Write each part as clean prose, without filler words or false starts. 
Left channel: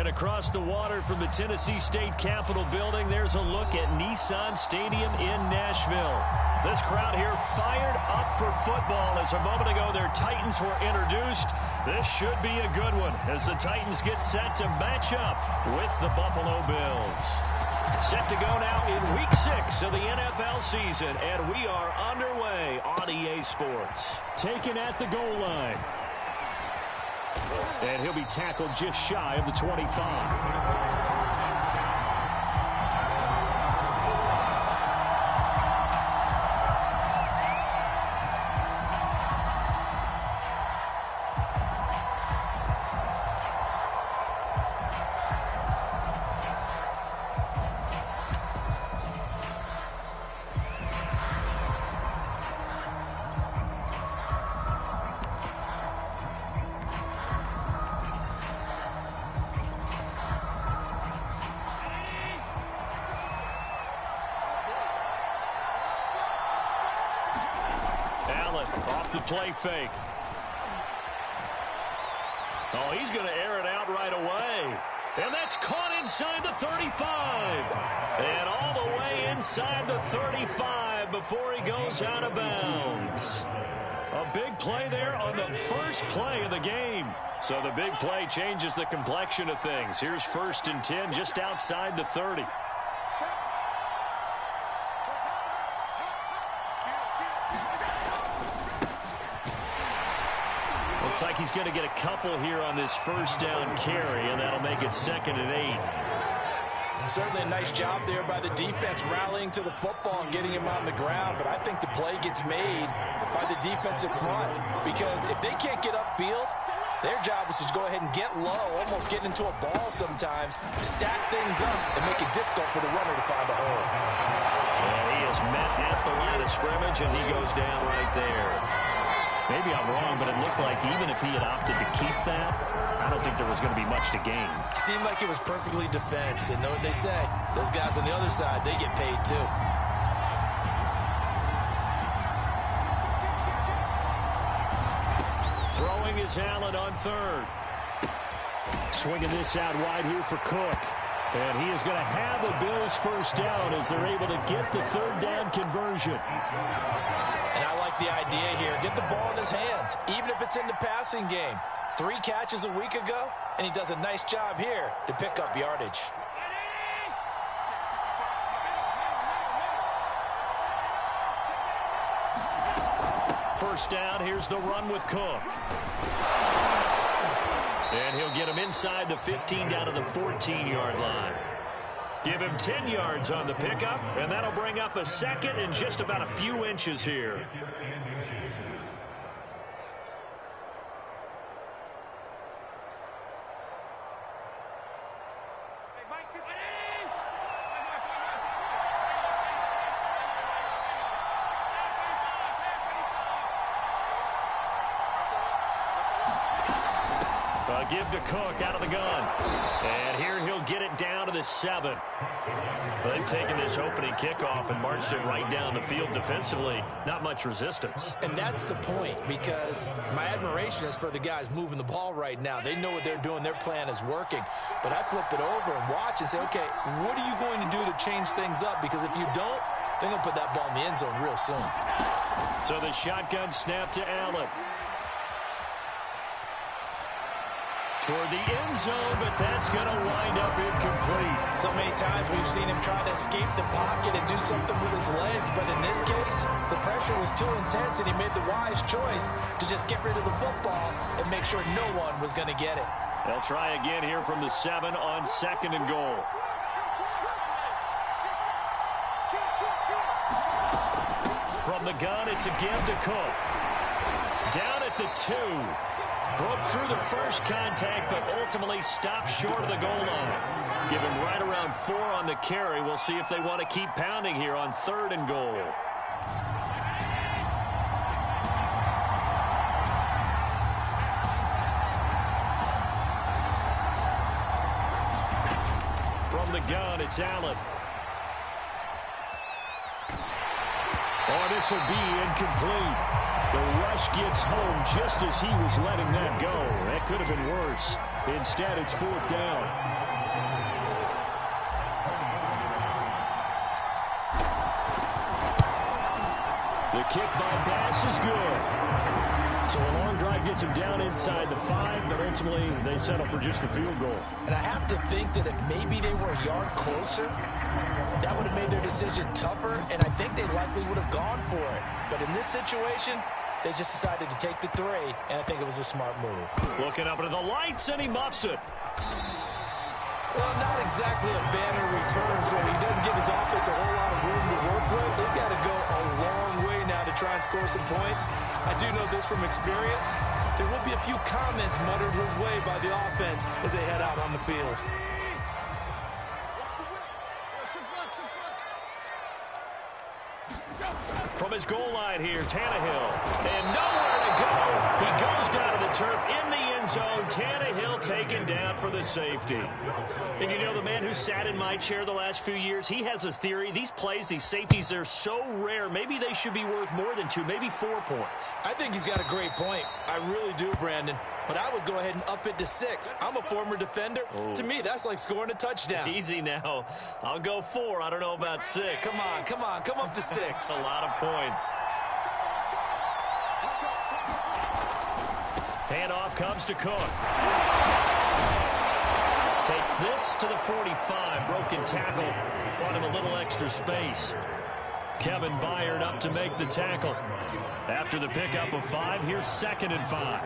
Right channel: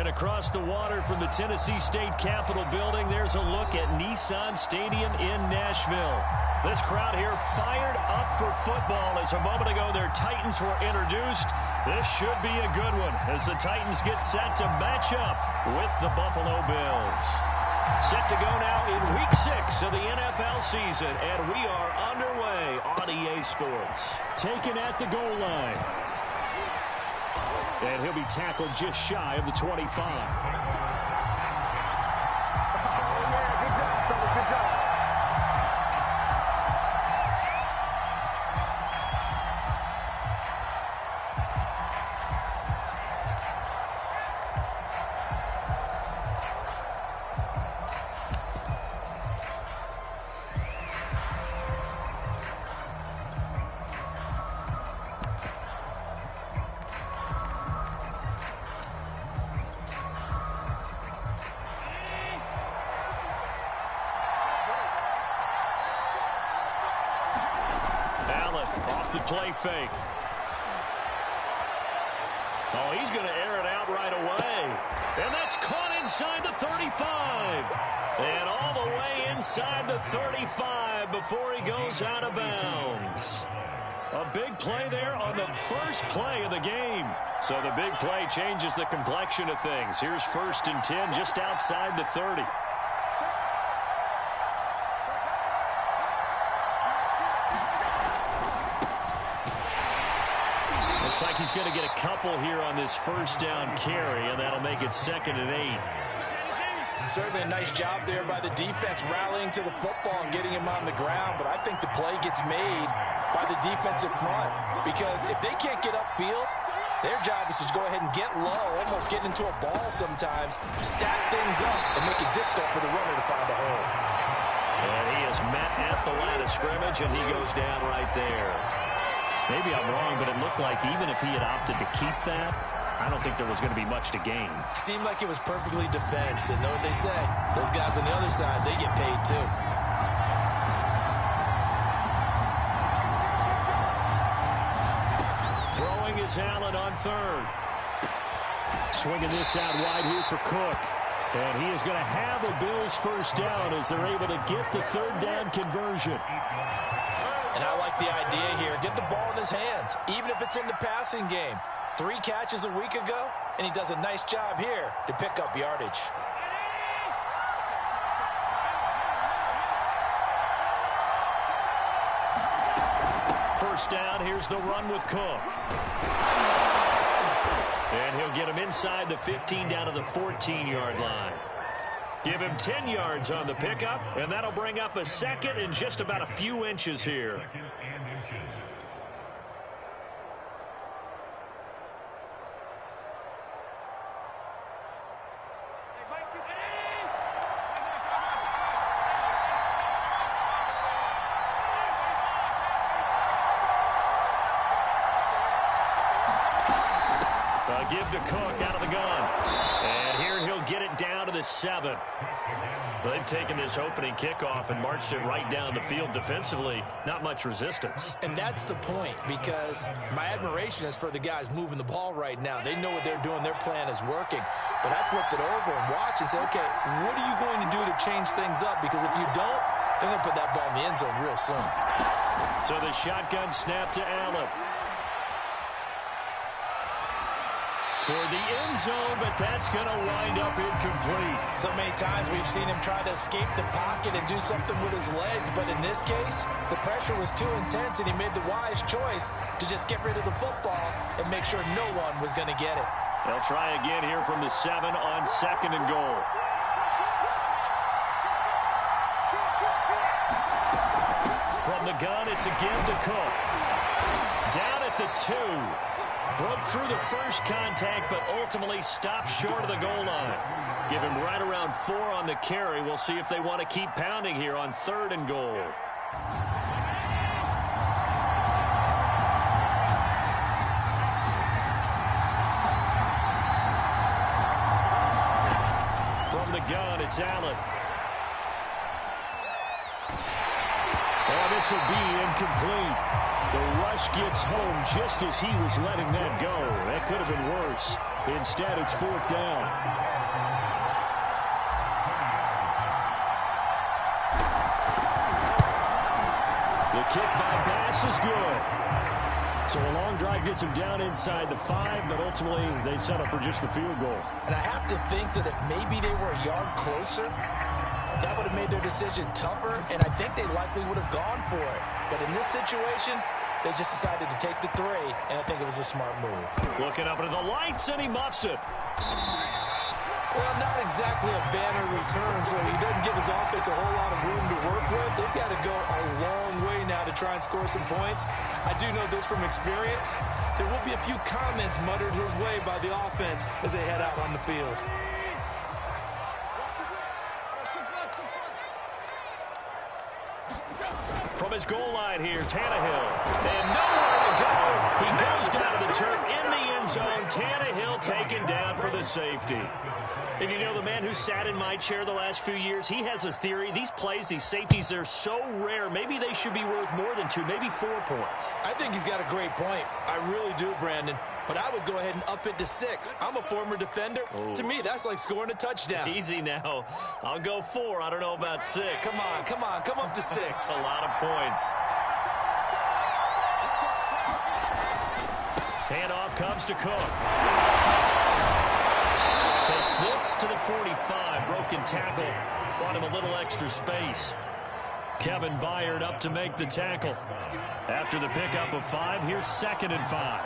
And across the water from the Tennessee State Capitol building, there's a look at Nissan Stadium in Nashville. This crowd here fired up for football as a moment ago their Titans were introduced. This should be a good one as the Titans get set to match up with the Buffalo Bills. Set to go now in Week 6 of the NFL season, and we are underway on EA Sports. Taken at the goal line. And he'll be tackled just shy of the 25. Off the play fake. Oh, he's going to air it out right away. And that's caught inside the 35. And all the way inside the 35 before he goes out of bounds. A big play there on the first play of the game. So the big play changes the complexion of things. Here's 1st and 10 just outside the 30. Looks like he's going to get a couple here on this first down carry, and that'll make it 2nd and 8. Certainly a nice job there by the defense rallying to the football and getting him on the ground, but I think the play gets made by the defensive front because if they can't get upfield, their job is to go ahead and get low, almost get into a ball sometimes, stack things up, and make it difficult for the runner to find a hole. And he is met at the line of scrimmage, and he goes down right there. Maybe I'm wrong, but it looked like even if he had opted to keep that, I don't think there was going to be much to gain. Seemed like it was perfectly defense. And know what they say? Those guys on the other side, they get paid too. Throwing is Allen on 3rd. Swinging this out wide here for Cook. And he is going to have a Bills first down as they're able to get the 3rd down conversion. And I like the idea here. Get the ball in his hands, even if it's in the passing game. 3 catches a week ago, and he does a nice job here to pick up yardage. First down, here's the run with Cook. And he'll get him inside the 15 down to the 14-yard line. Give him 10 yards on the pickup, and that'll bring up a 2nd and just about a few inches here. Give to Cook out of the gun. And here he'll get it down to the 7. They've taken this opening kickoff and marched it right down the field defensively. Not much resistance. And that's the point, because my admiration is for the guys moving the ball right now. They know what they're doing. Their plan is working. But I flip it over and watch and say, okay, what are you going to do to change things up? Because if you don't, they're going to put that ball in the end zone real soon. So the shotgun snap to Allen. Toward the end zone, but that's going to wind up incomplete. So many times we've seen him try to escape the pocket and do something with his legs, but in this case, the pressure was too intense, and he made the wise choice to just get rid of the football and make sure no one was going to get it. They'll try again here from the 7 on 2nd and goal. From the gun, it's a give to Cook. Down at the 2. Broke through the first contact, but ultimately stopped short of the goal line. Give him right around 4 on the carry. We'll see if they want to keep pounding here on 3rd and goal. From the gun, it's Allen. Oh, this will be incomplete. The rush gets home just as he was letting that go. That could have been worse. Instead, it's 4th down. The kick by Bass is good. So a long drive gets him down inside the 5, but ultimately they settle for just the field goal. And I have to think that if maybe they were a yard closer, that would have made their decision tougher, and I think they likely would have gone for it. But in this situation, they just decided to take the 3, and I think it was a smart move. Looking up into the lights, and he muffs it. Well, not exactly a banner return, so he doesn't give his offense a whole lot of room to work with. They've got to go a long way now to try and score some points. I do know this from experience. There will be a few comments muttered his way by the offense as they head out on the field. From his goal line here, Tannehill. And nowhere to go. He goes down to the turf in the end zone. Tannehill taken down for the safety. And you know, the man who sat in my chair the last few years, he has a theory. These plays, these safeties, they're so rare. Maybe they should be worth more than 2, maybe 4 points. I think he's got a great point. I really do, Brandon. But I would go ahead and up it to 6. I'm a former defender. Oh. To me, that's like scoring a touchdown. Easy now. I'll go 4. I don't know about 6. Come on. Come up to 6. A lot of points. Handoff comes to Cook. Takes this to the 45. Broken tackle. Brought him a little extra space. Kevin Byard up to make the tackle. After the pickup of 5, here's 2nd and 5.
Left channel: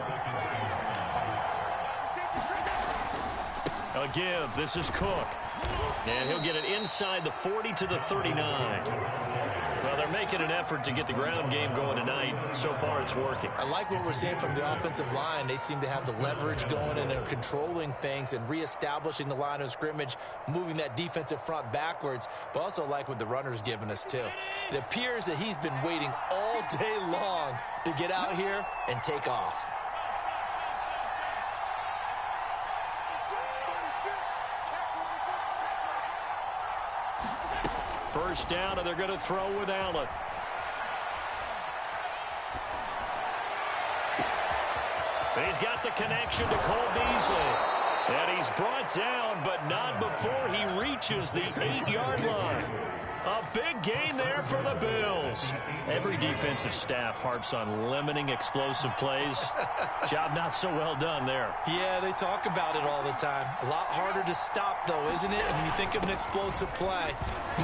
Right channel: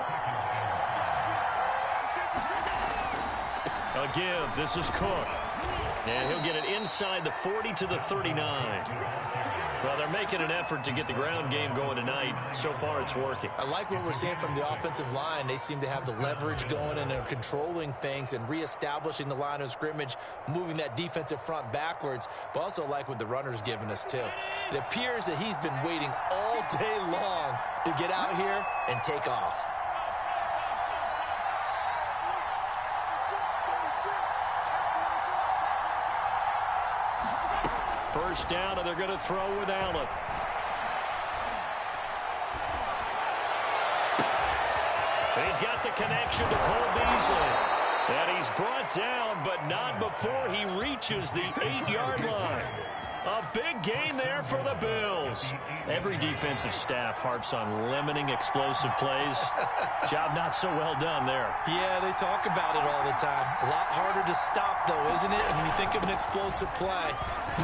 A give. This is Cook. And he'll get it inside the 40 to the 39. Well, they're making an effort to get the ground game going tonight. So far, it's working. I like what we're seeing from the offensive line. They seem to have the leverage going and are controlling things and reestablishing the line of scrimmage, moving that defensive front backwards, but also like what the runner's giving us, too. It appears that he's been waiting all day long to get out here and take off. First down, and they're going to throw with Allen. He's got the connection to Cole Beasley. And he's brought down, but not before he reaches the 8-yard line. A big gain there for the Bills. Every defensive staff harps on limiting explosive plays. Job not so well done there. Yeah, they talk about it all the time. A lot harder to stop, though, isn't it? When you think of an explosive play,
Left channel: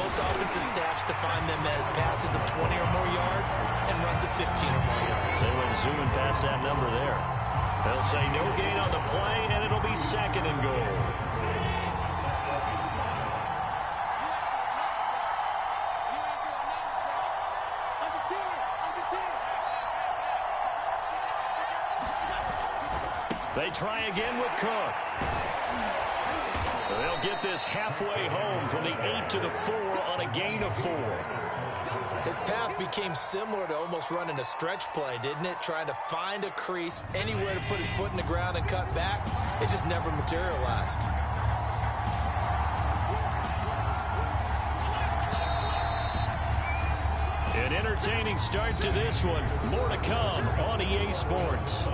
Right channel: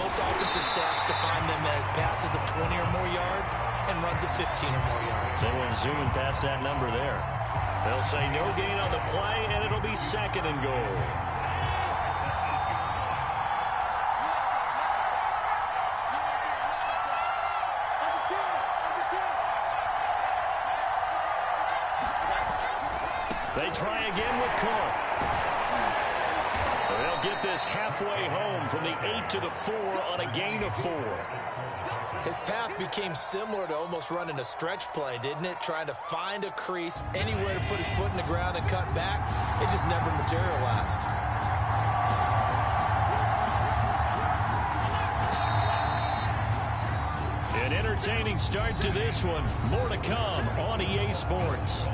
most offensive staffs define them as passes of 20 or more yards and runs of 15 or more yards. They went zooming past that number there. They'll say no gain on the play, and it'll be 2nd and goal. They try again with Cook. They'll get this halfway home from the 8 to the 4 on a gain of 4. His path became similar to almost running a stretch play, didn't it? Trying to find a crease, anywhere to put his foot in the ground and cut back. It just never materialized. An entertaining start to this one. More to come on EA Sports.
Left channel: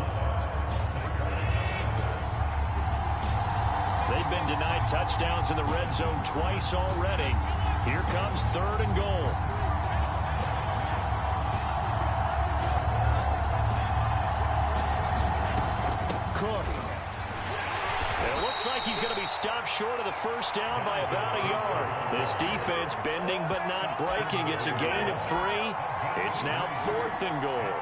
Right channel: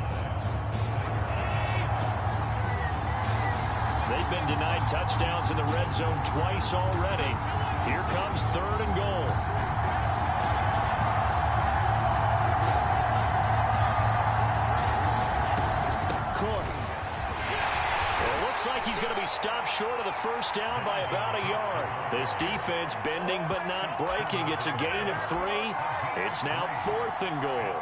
They've been denied touchdowns in the red zone twice already. Here comes 3rd and goal. Cook. It looks like he's going to be stopped short of the first down by about a yard. This defense bending but not breaking. It's a gain of 3. It's now 4th and goal.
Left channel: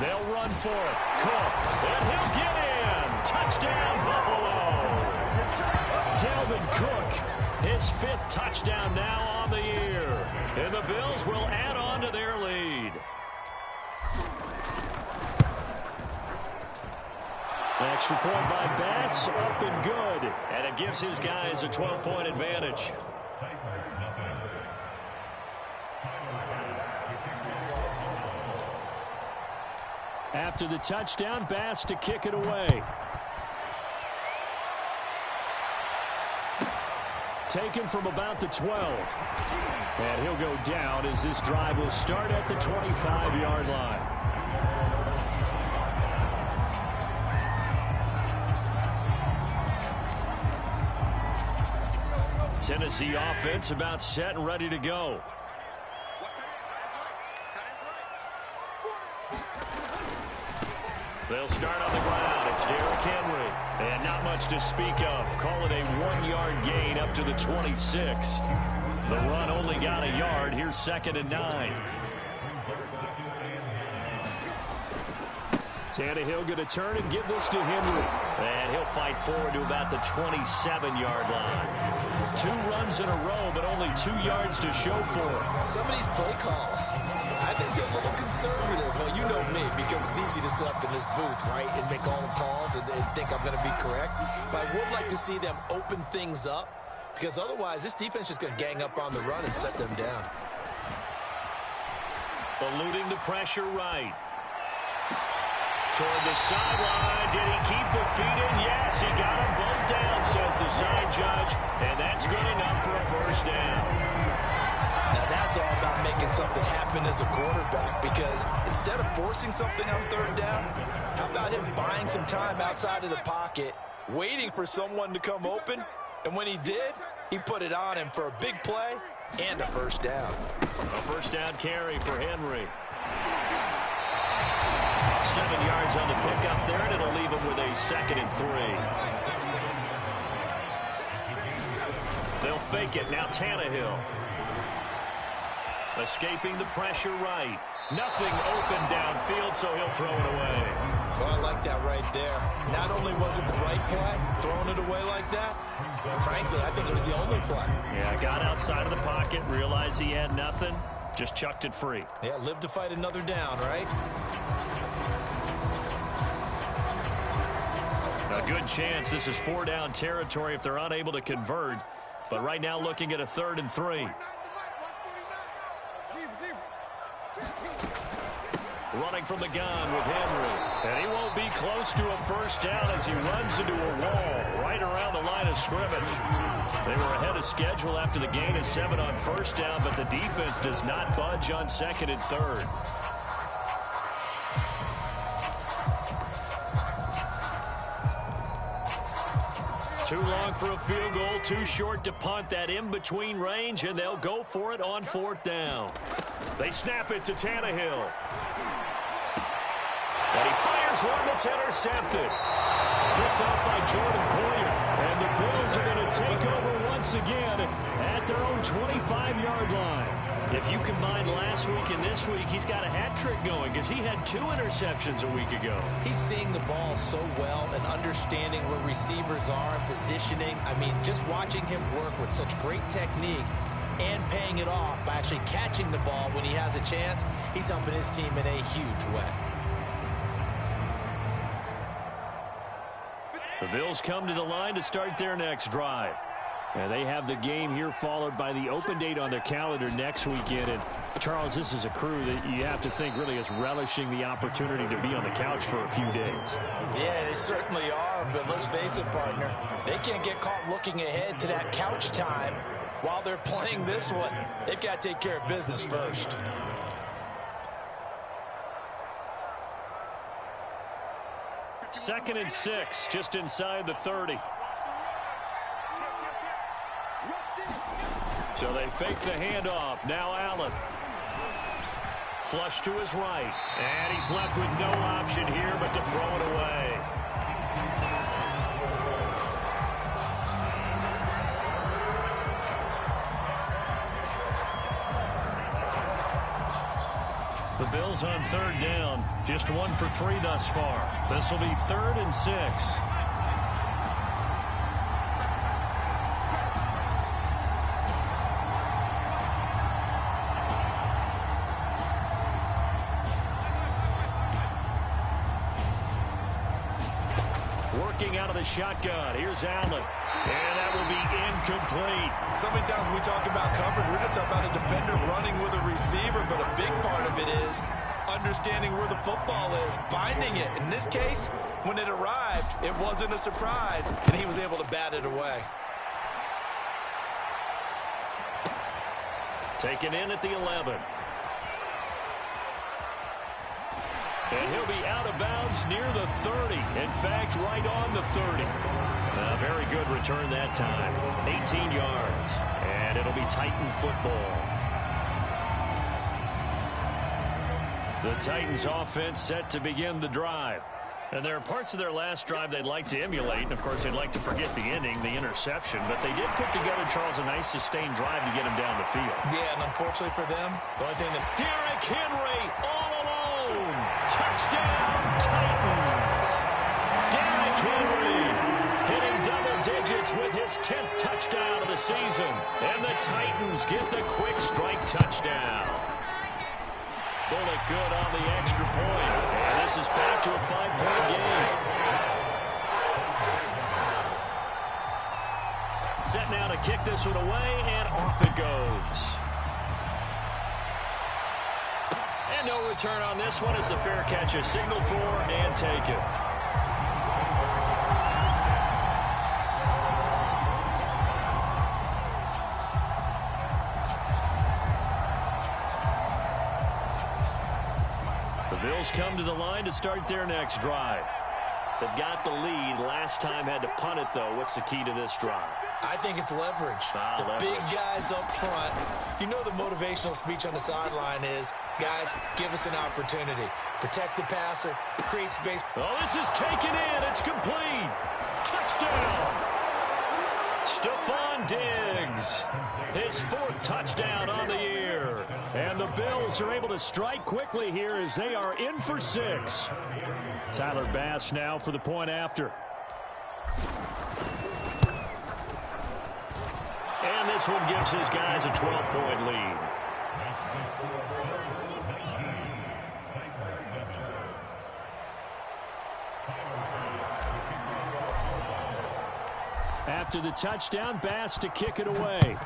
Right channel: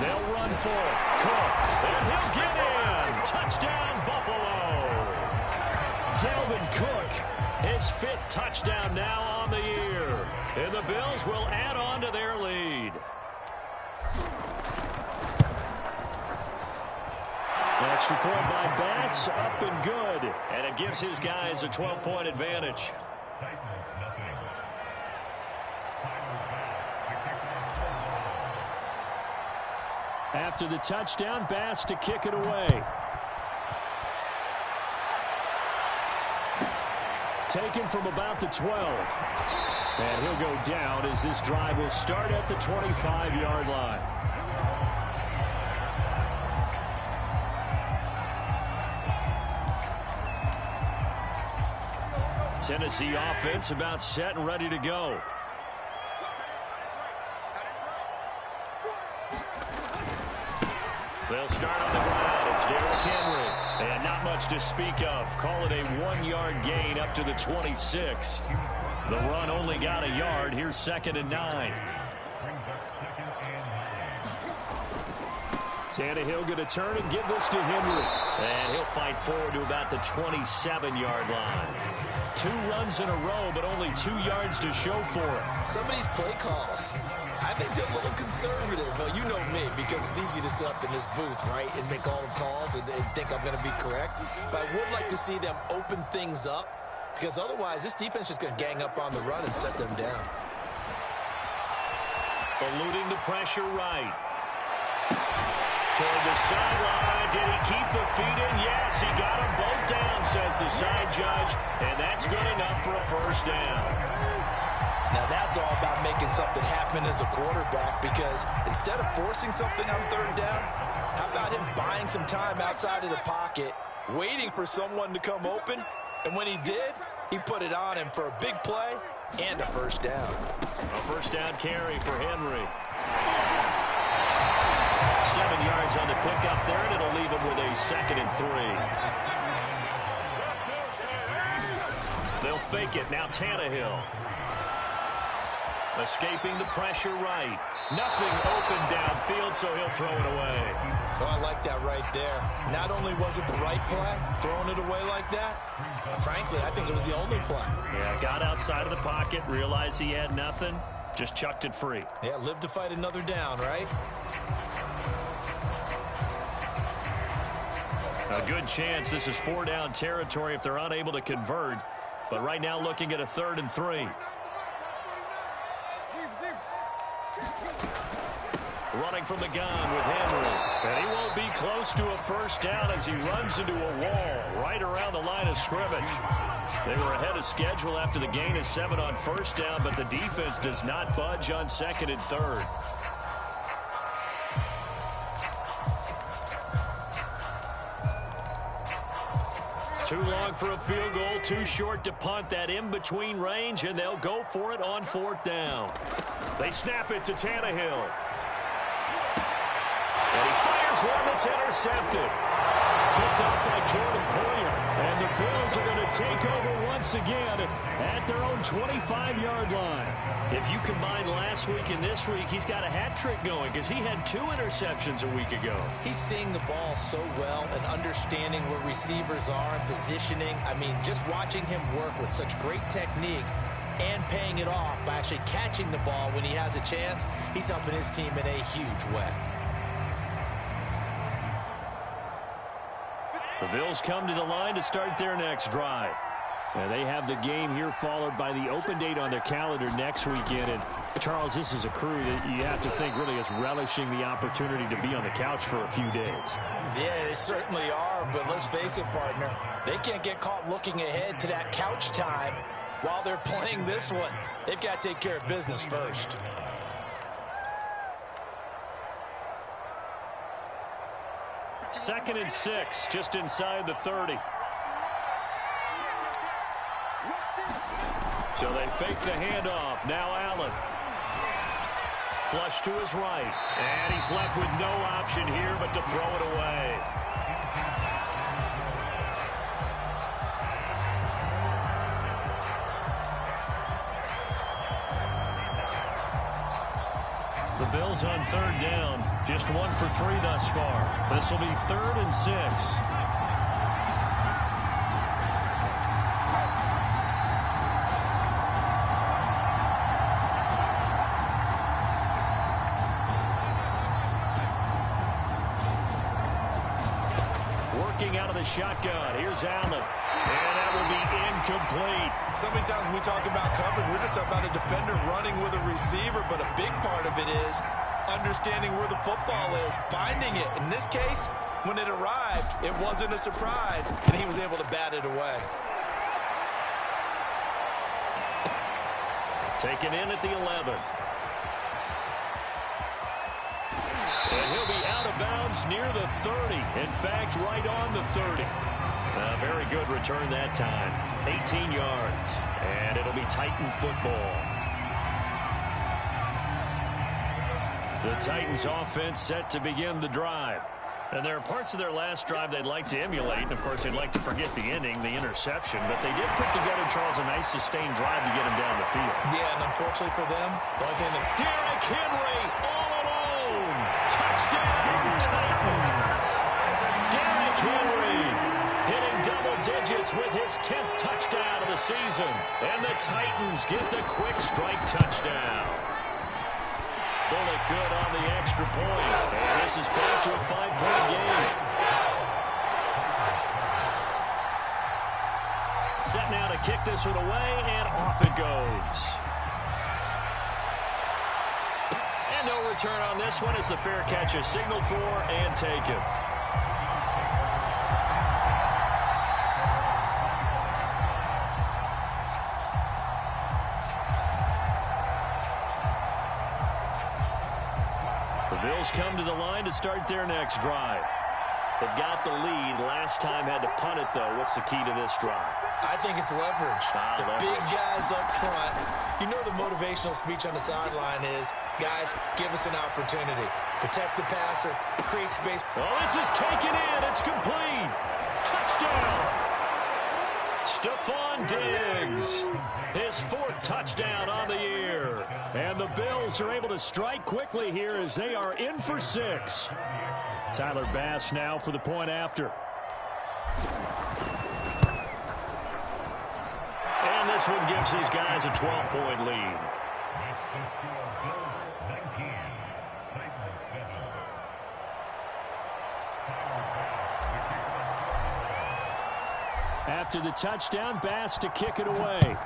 They'll run for it. Cook. And he'll get in. Touchdown, Buffalo. Dalvin Cook, his 5th touchdown now on the year. And the Bills will add on to their lead. Extra point by Bass, up and good. And it gives his guys a 12-point advantage. After the touchdown, Bass to kick it away. taken from about the 12. And he'll go down as this drive will start at the 25-yard line. Tennessee offense about set and ready to go. They'll start on the ground. It's Derrick Henry. And not much to speak of. Call it a 1-yard gain up to the 26. The run only got a yard. Here's 2nd and 9. Tannehill going to turn and give this to Henry. And he'll fight forward to about the 27-yard line. 2 runs in a row, but only 2 yards to show for it. Some of these play calls, I think they're a little conservative. Well, you know me, because it's easy to sit up in this booth, right, and make all the calls and think I'm going to be correct. But I would like to see them open things up, because otherwise this defense is going to gang up on the run and set them down. Eluding the pressure right. Toward the sideline. Did he keep the feet in? Yes, he got them both down, says the side judge. And that's good enough for a first down. Now that's all about making something happen as a quarterback, because instead of forcing something on 3rd down, how about him buying some time outside of the pocket, waiting for someone to come open, and when he did, he put it on him for a big play and a first down. A first down carry for Henry. 7 yards on the pickup there, and it'll leave him with a 2nd and 3. They'll fake it. Now Tannehill. Escaping the pressure right. Nothing open downfield, so he'll throw it away. Oh, I like that right there. Not only was it the right play, throwing it away like that, frankly, I think it was the only play. Yeah, got outside of the pocket, realized he had nothing, just chucked it free. Yeah, live to fight another down, right? A good chance this is 4-down territory if they're unable to convert. But right now looking at a 3rd and 3. Running from the gun with Henry. And he won't be close to a first down as he runs into a wall right around the line of scrimmage. They were ahead of schedule after the gain of 7 on first down, but the defense does not budge on 2nd and 3rd. Too long for a field goal, too short to punt. That in-between range, and they'll go for it on 4th down. They snap it to Tannehill. And he fires one that's intercepted. Picked off by Jordan Poyer. And the Bills are going to take over once again at their own 25-yard line. If you combine last week and this week, he's got a hat trick going because he had 2 interceptions a week ago. He's seeing the ball so well and understanding where receivers are and positioning. I mean, just watching him work with such great technique and paying it off by actually catching the ball when he has a chance, he's helping his team in a huge way. The Bills come to the line to start their next drive. And they have the game here followed by the open date on their calendar next weekend. And, Charles, this is a crew that you have to think really is relishing the opportunity to be on the couch for a few days. Yeah, they certainly are. But let's face it, partner, they can't get caught looking ahead to that couch time while they're playing this one. They've got to take care of business first. Second and 6, just inside the 30. So they fake the handoff. Now Allen. Flush to his right. And he's left with no option here but to throw it away. The Bills on 3rd down. Just 1 for 3 thus far. This will be 3rd and 6. Working out of the shotgun. Here's Allen. And that will be incomplete. So many times when we talk about coverage, we're just about a defender running with a receiver, but a big part of it is understanding where the football is, finding it. In this case, when it arrived, it wasn't a surprise, and he was able to bat it away. Taken in at the 11. And he'll be out of bounds near the 30. In fact, right on the 30. A very good return that time. 18 yards. And it'll be Titan football. The Titans offense set to begin the drive. And there are parts of their last drive they'd like to emulate. And, of course, they'd like to forget the inning, the interception. But they did put together, Charles, a nice sustained drive to get him down the field. Yeah, and unfortunately for them, the only thing that... Derrick Henry all alone. Touchdown, Titans. Derrick Henry hitting double digits with his 10th touchdown of the season. And the Titans get the quick strike touchdown. Bullock good on the extra point. And this is back to a 5-point game. Set now to kick this one away, and off it goes. And no return on this one as the fair catch is signaled for and taken. The Bills come to the line to start their next drive. They've got the lead. Last time had to punt it, though. What's the key to this drive? I think it's leverage. The big guys up front. You know the motivational speech on the sideline is, guys, give us an opportunity. Protect the passer, create space. Oh, this is taken in. It's complete. Touchdown. Stephon Diggs. His 4th touchdown on the year. And the Bills are able to strike quickly here as they are in for 6. Tyler Bass now for the point after. And this one gives his guys a 12-point lead. After the touchdown, Bass to kick it away.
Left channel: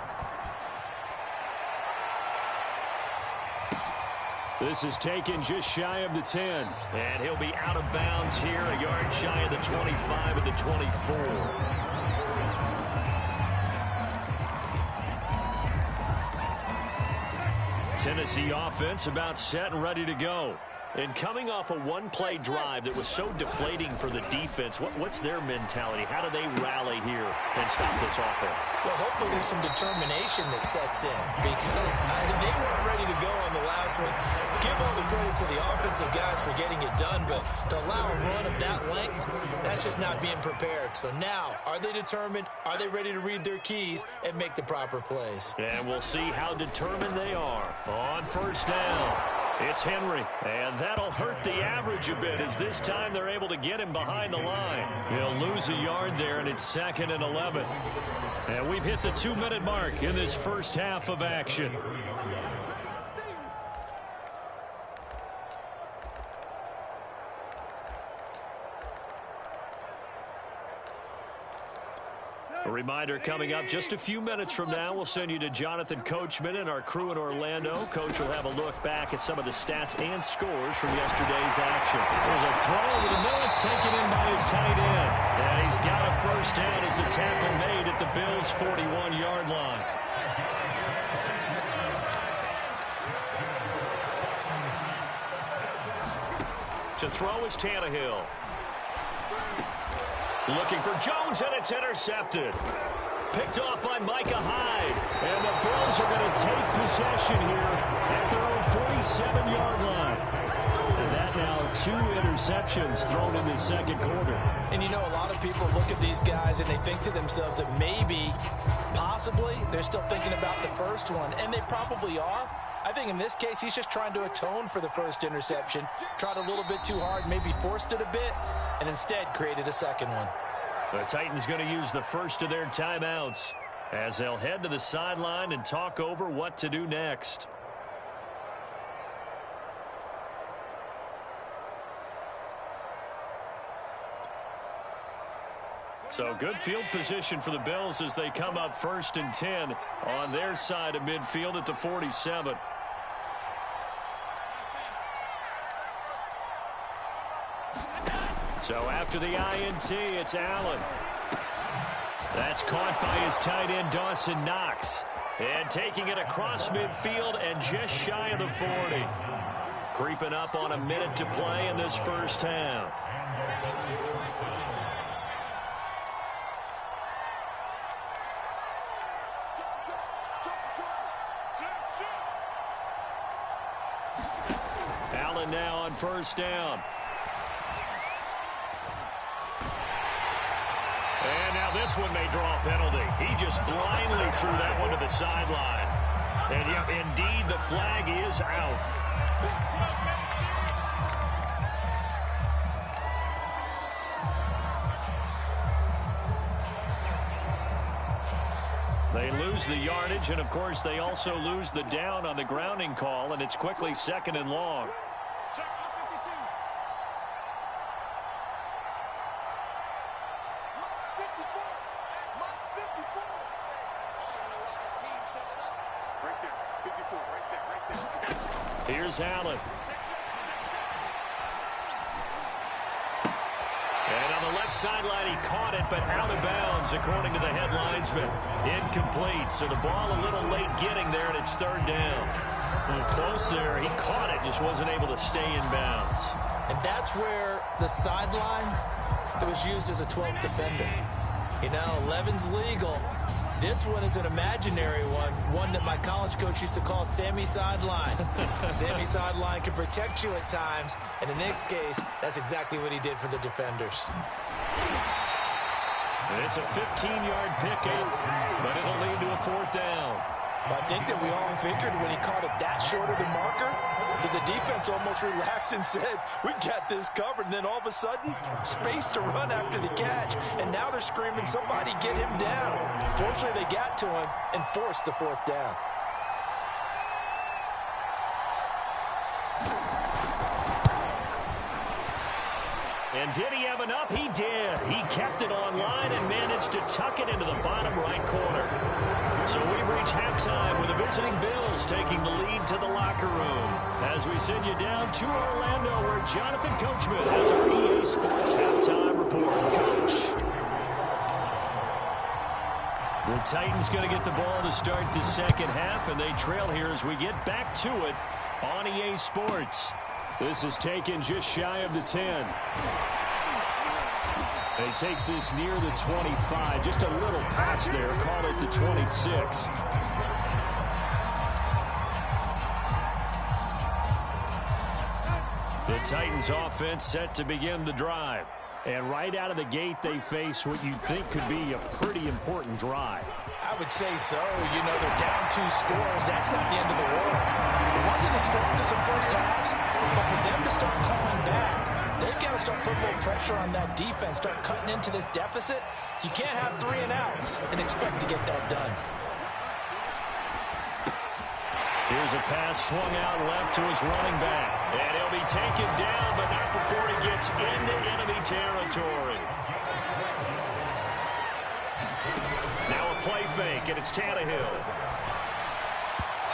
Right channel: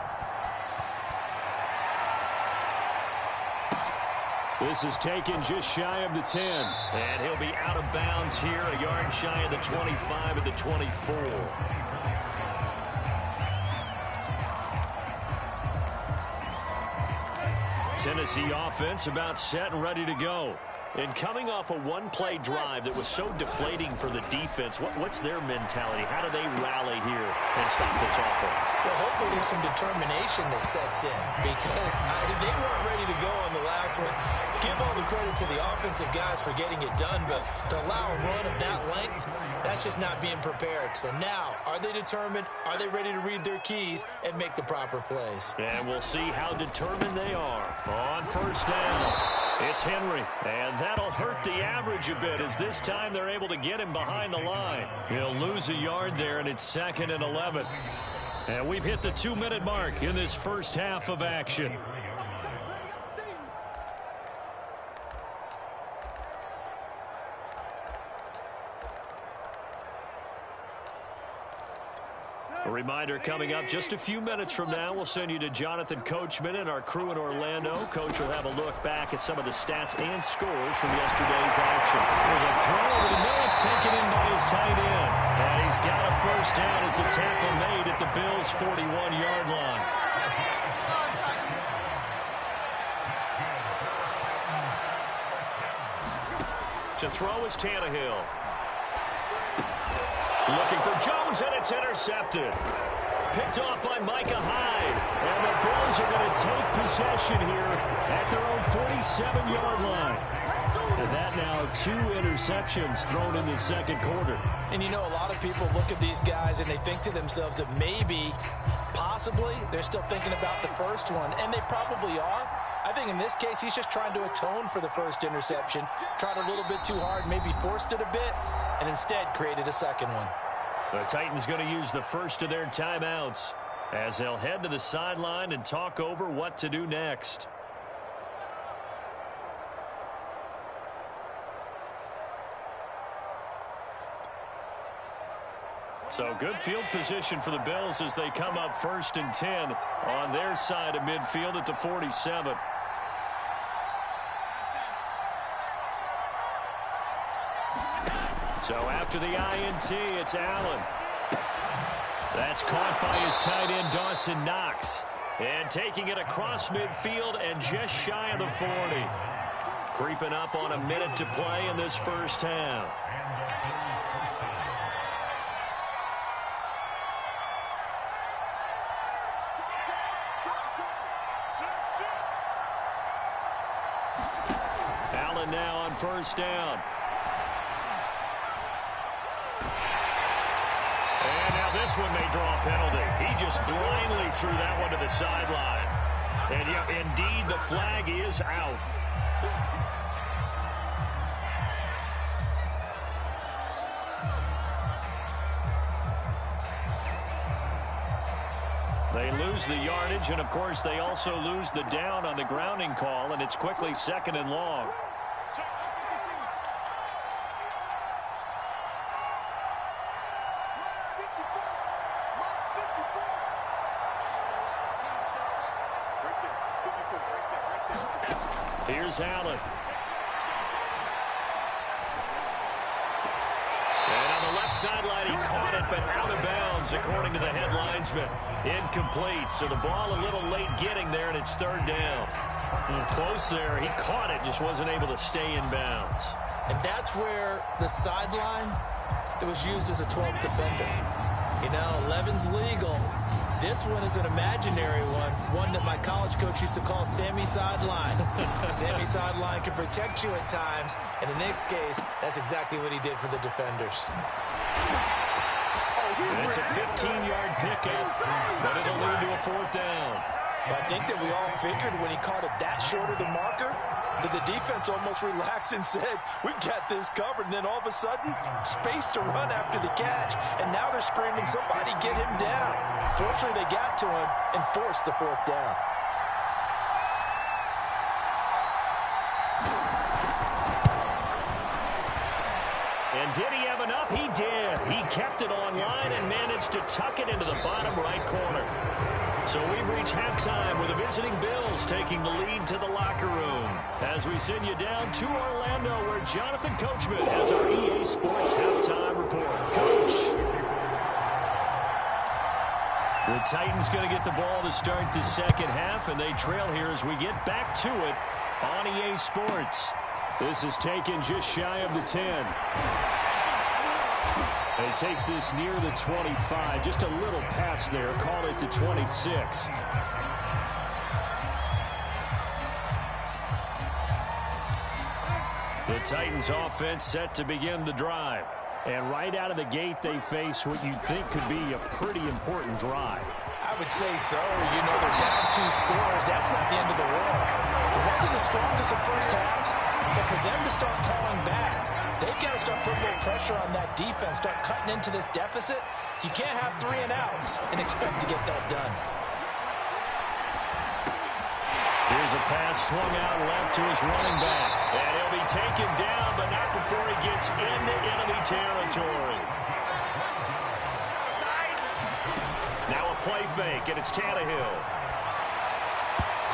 This is taken just shy of the 10. And he'll be out of bounds here, a yard shy of the 25 at the 24. Tennessee offense about set and ready to go. And coming off a one-play drive that was so deflating for the defense, what's their mentality? How do they rally here and stop this offense? Well, hopefully there's some determination that sets in because they weren't ready to go on the last one. Give all the credit to the offensive guys for getting it done, but to allow a run of that length, that's just not being prepared. So now, are they determined? Are they ready to read their keys and make the proper plays? And we'll see how determined they are on first down. It's Henry, and that'll hurt the average a bit as this time they're able to get him behind the line. He'll lose a yard there, and it's 2nd and 11. And we've hit the 2-minute mark in this first half of action. A reminder coming up just a few minutes from now, we'll send you to Jonathan Coachman and our crew in Orlando. Coach will have a look back at some of the stats and scores from yesterday's action. There's a throw over the middle. It's taken in by his tight end. And he's got a first down as the tackle made at the Bills' 41-yard line. To throw is Tannehill. Looking for Jones, and it's intercepted. Picked off by Micah Hyde. And the Bills are going to take possession here at their own 47-yard line. And that now 2 interceptions thrown in the second quarter. And you know, a lot of people look at these guys and they think to themselves that maybe, possibly, they're still thinking about the first one. And they probably are. I think in this case, he's just trying to atone for the first interception. Tried a little bit too hard, maybe forced it a bit, and instead created a second one. The Titans going to use the first of their timeouts as they'll head to the sideline and talk over what to do next. So good field position for the Bills as they come up 1st and 10 on their side of midfield at the 47. So after the INT, it's Allen. That's caught by his tight end, Dawson Knox. And taking it across midfield and just shy of the 40. Creeping up on a minute to play in this first half. Allen now on first down. And now this one may draw a penalty. He just blindly threw that one to the sideline. And yeah, indeed, the flag is out. They lose the yardage, and of course they also lose the down on the grounding call, and it's quickly 2nd and long. Here's Allen. And on the left sideline, he caught it, but out of bounds, according to the head linesman. Incomplete, so the ball a little late getting there, and it's 3rd down. Close there. He caught it, just wasn't able to stay in bounds. And that's where the sideline, it was used as a 12th defender. You know, 11's legal. This one is an imaginary one that my college coach used to call Sammy Sideline. Sammy Sideline can protect you at times, and in this case, that's exactly what he did for the defenders. And it's a 15-yard pickup, but it'll lead to a 4th down. I think that we all figured when he caught it that short of the marker, that the defense almost relaxed and said, we've got this covered. And then all of a sudden, space to run after the catch. And now they're screaming, somebody get him down. Fortunately, they got to him and forced the 4th down. And did he have enough? He did. He kept it online and managed to tuck it into the bottom right corner. So we've reached halftime with the visiting Bills taking the lead to the locker room. As we send you down to Orlando, where Jonathan Coachman has our EA Sports halftime report. Coach. The Titans going to get the ball to start the second half, and they trail here as we get back to it on EA Sports. This is taken just shy of the 10. He takes this near the 25. Just a little pass there. Call it the 26. The Titans offense set to begin the drive. And right out of the gate, they face what you'd think could be a pretty important drive. I would say so. You know, they're down 2 scores. That's not the end of the world. It wasn't the strongest of first halves, but for them to start calling back, they've got to start putting a little pressure on that defense, start cutting into this deficit. You can't have 3 and outs and expect to get that done. Here's a pass swung out left to his running back. And he'll be taken down, but not before he gets into enemy territory. Now a play fake, and it's Tannehill.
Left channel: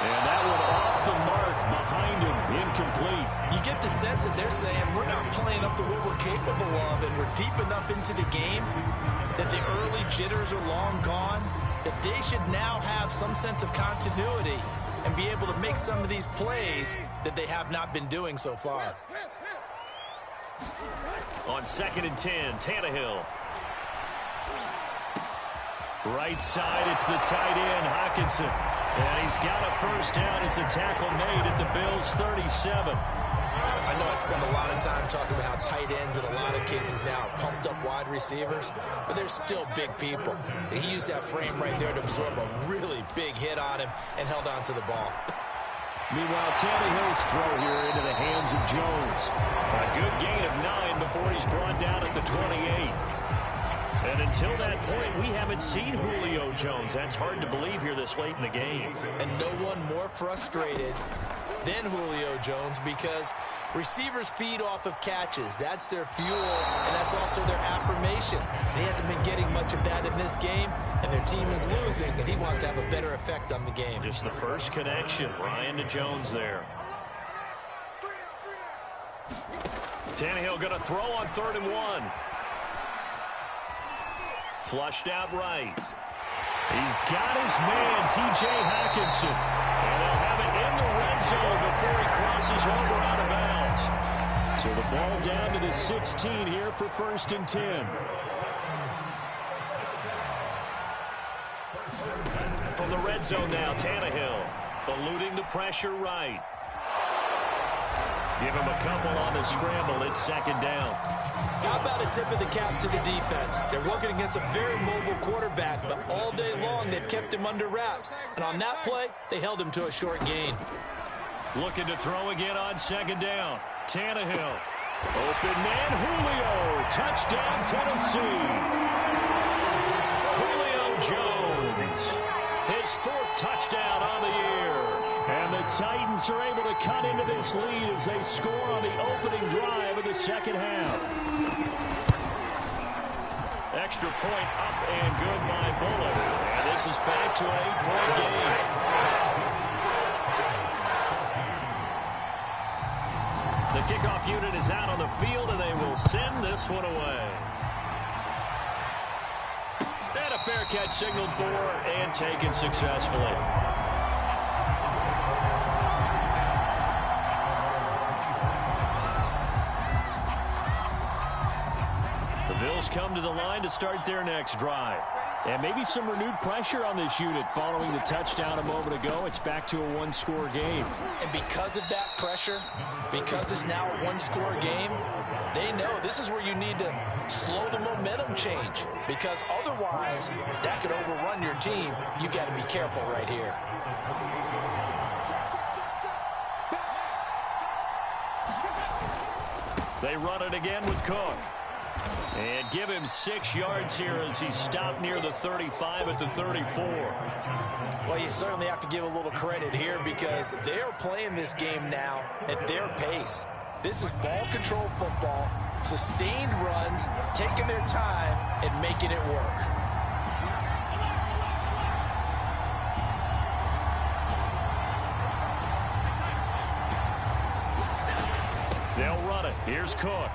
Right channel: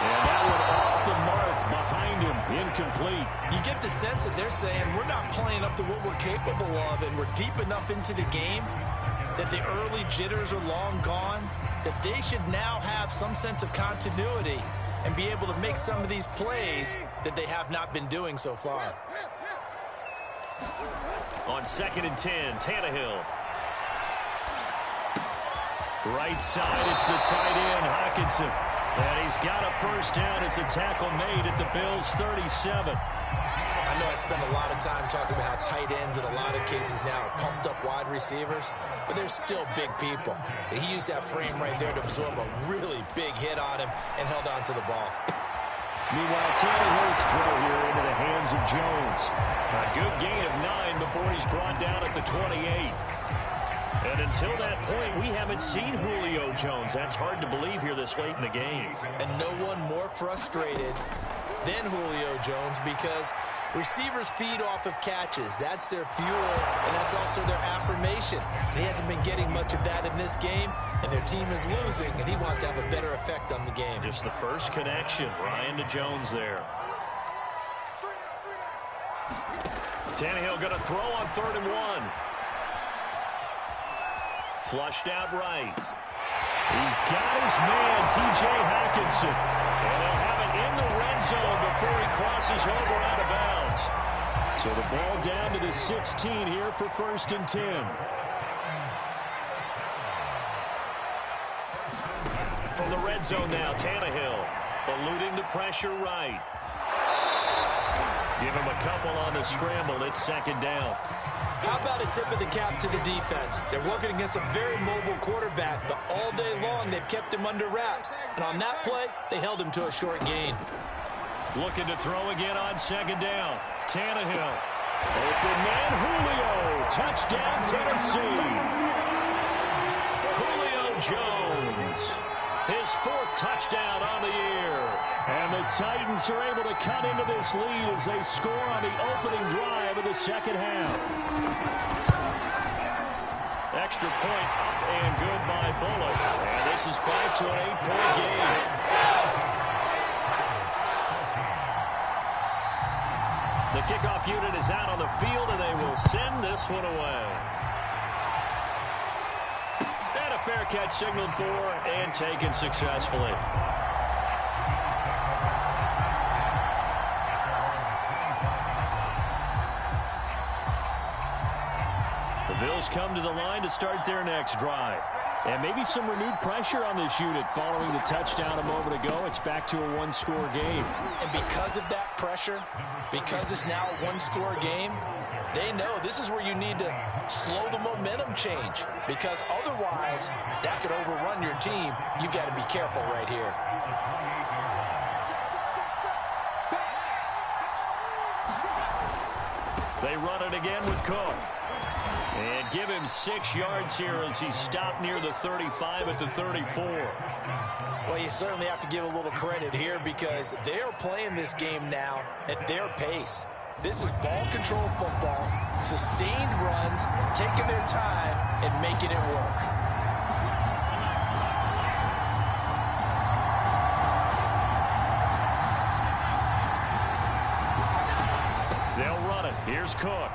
And that one off the mark behind him, incomplete. You get the sense that they're saying we're not playing up to what we're capable of, and we're deep enough into the game that the early jitters are long gone, that they should now have some sense of continuity and be able to make some of these plays that they have not been doing so far. On 2nd and 10, Tannehill. Right side, it's the tight end, Hockenson. And he's got a first down as a tackle made at the Bills' 37. I know I spend a lot of time talking about how tight ends in a lot of cases now are pumped up wide receivers, but they're still big people. And he used that frame right there to absorb a really big hit on him and held on to the ball. Meanwhile, Tannehill's throw here into the hands of Jones. A good gain of 9 before he's brought down at the 28. And until that point, we haven't seen Julio Jones. That's hard to believe here this late in the game. And no one more frustrated than Julio Jones, because receivers feed off of catches. That's their fuel, and that's also their affirmation. And he hasn't been getting much of that in this game, and their team is losing, and he wants to have a better effect on the game. Just the first connection, Ryan to Jones there. Tannehill going to throw on 3rd and 1. Flushed out right. He's got his man, T.J. Hockenson. And they'll have it in the red zone before he crosses over out of bounds. So the ball down to the 16 here for 1st and 10. From the red zone now, Tannehill eluding the pressure right. Give him a couple on the scramble. It's 2nd down. How about a tip of the cap to the defense? They're working against a very mobile quarterback, but all day long they've kept him under wraps. And on that play, they held him to a short gain. Looking to throw again on 2nd down. Tannehill. Open man, Julio. Touchdown, Tennessee. Julio Jones. His 4th touchdown on the year. And the Titans are able to cut into this lead as they score on the opening drive of the 2nd half. Extra point up and good by Bullock. And this is back to an 8-point game. The kickoff unit is out on the field, and they will send this one away. And a fair catch signaled for and taken successfully. The Bills come to the line to start their next drive. And maybe some renewed pressure on this unit following the touchdown a moment ago. It's back to a 1-score game. And because of that pressure, because it's now a 1-score game, they know this is where you need to slow the momentum change. Because otherwise, that could overrun your team. You've got to be careful right here. They run it again with Cook. And give him 6 yards here as he stopped near the 35 at the 34. Well, you certainly have to give a little credit here because they are playing this game now at their pace. This is ball control football, sustained runs, taking their time and making it work. They'll run it. Here's Cook.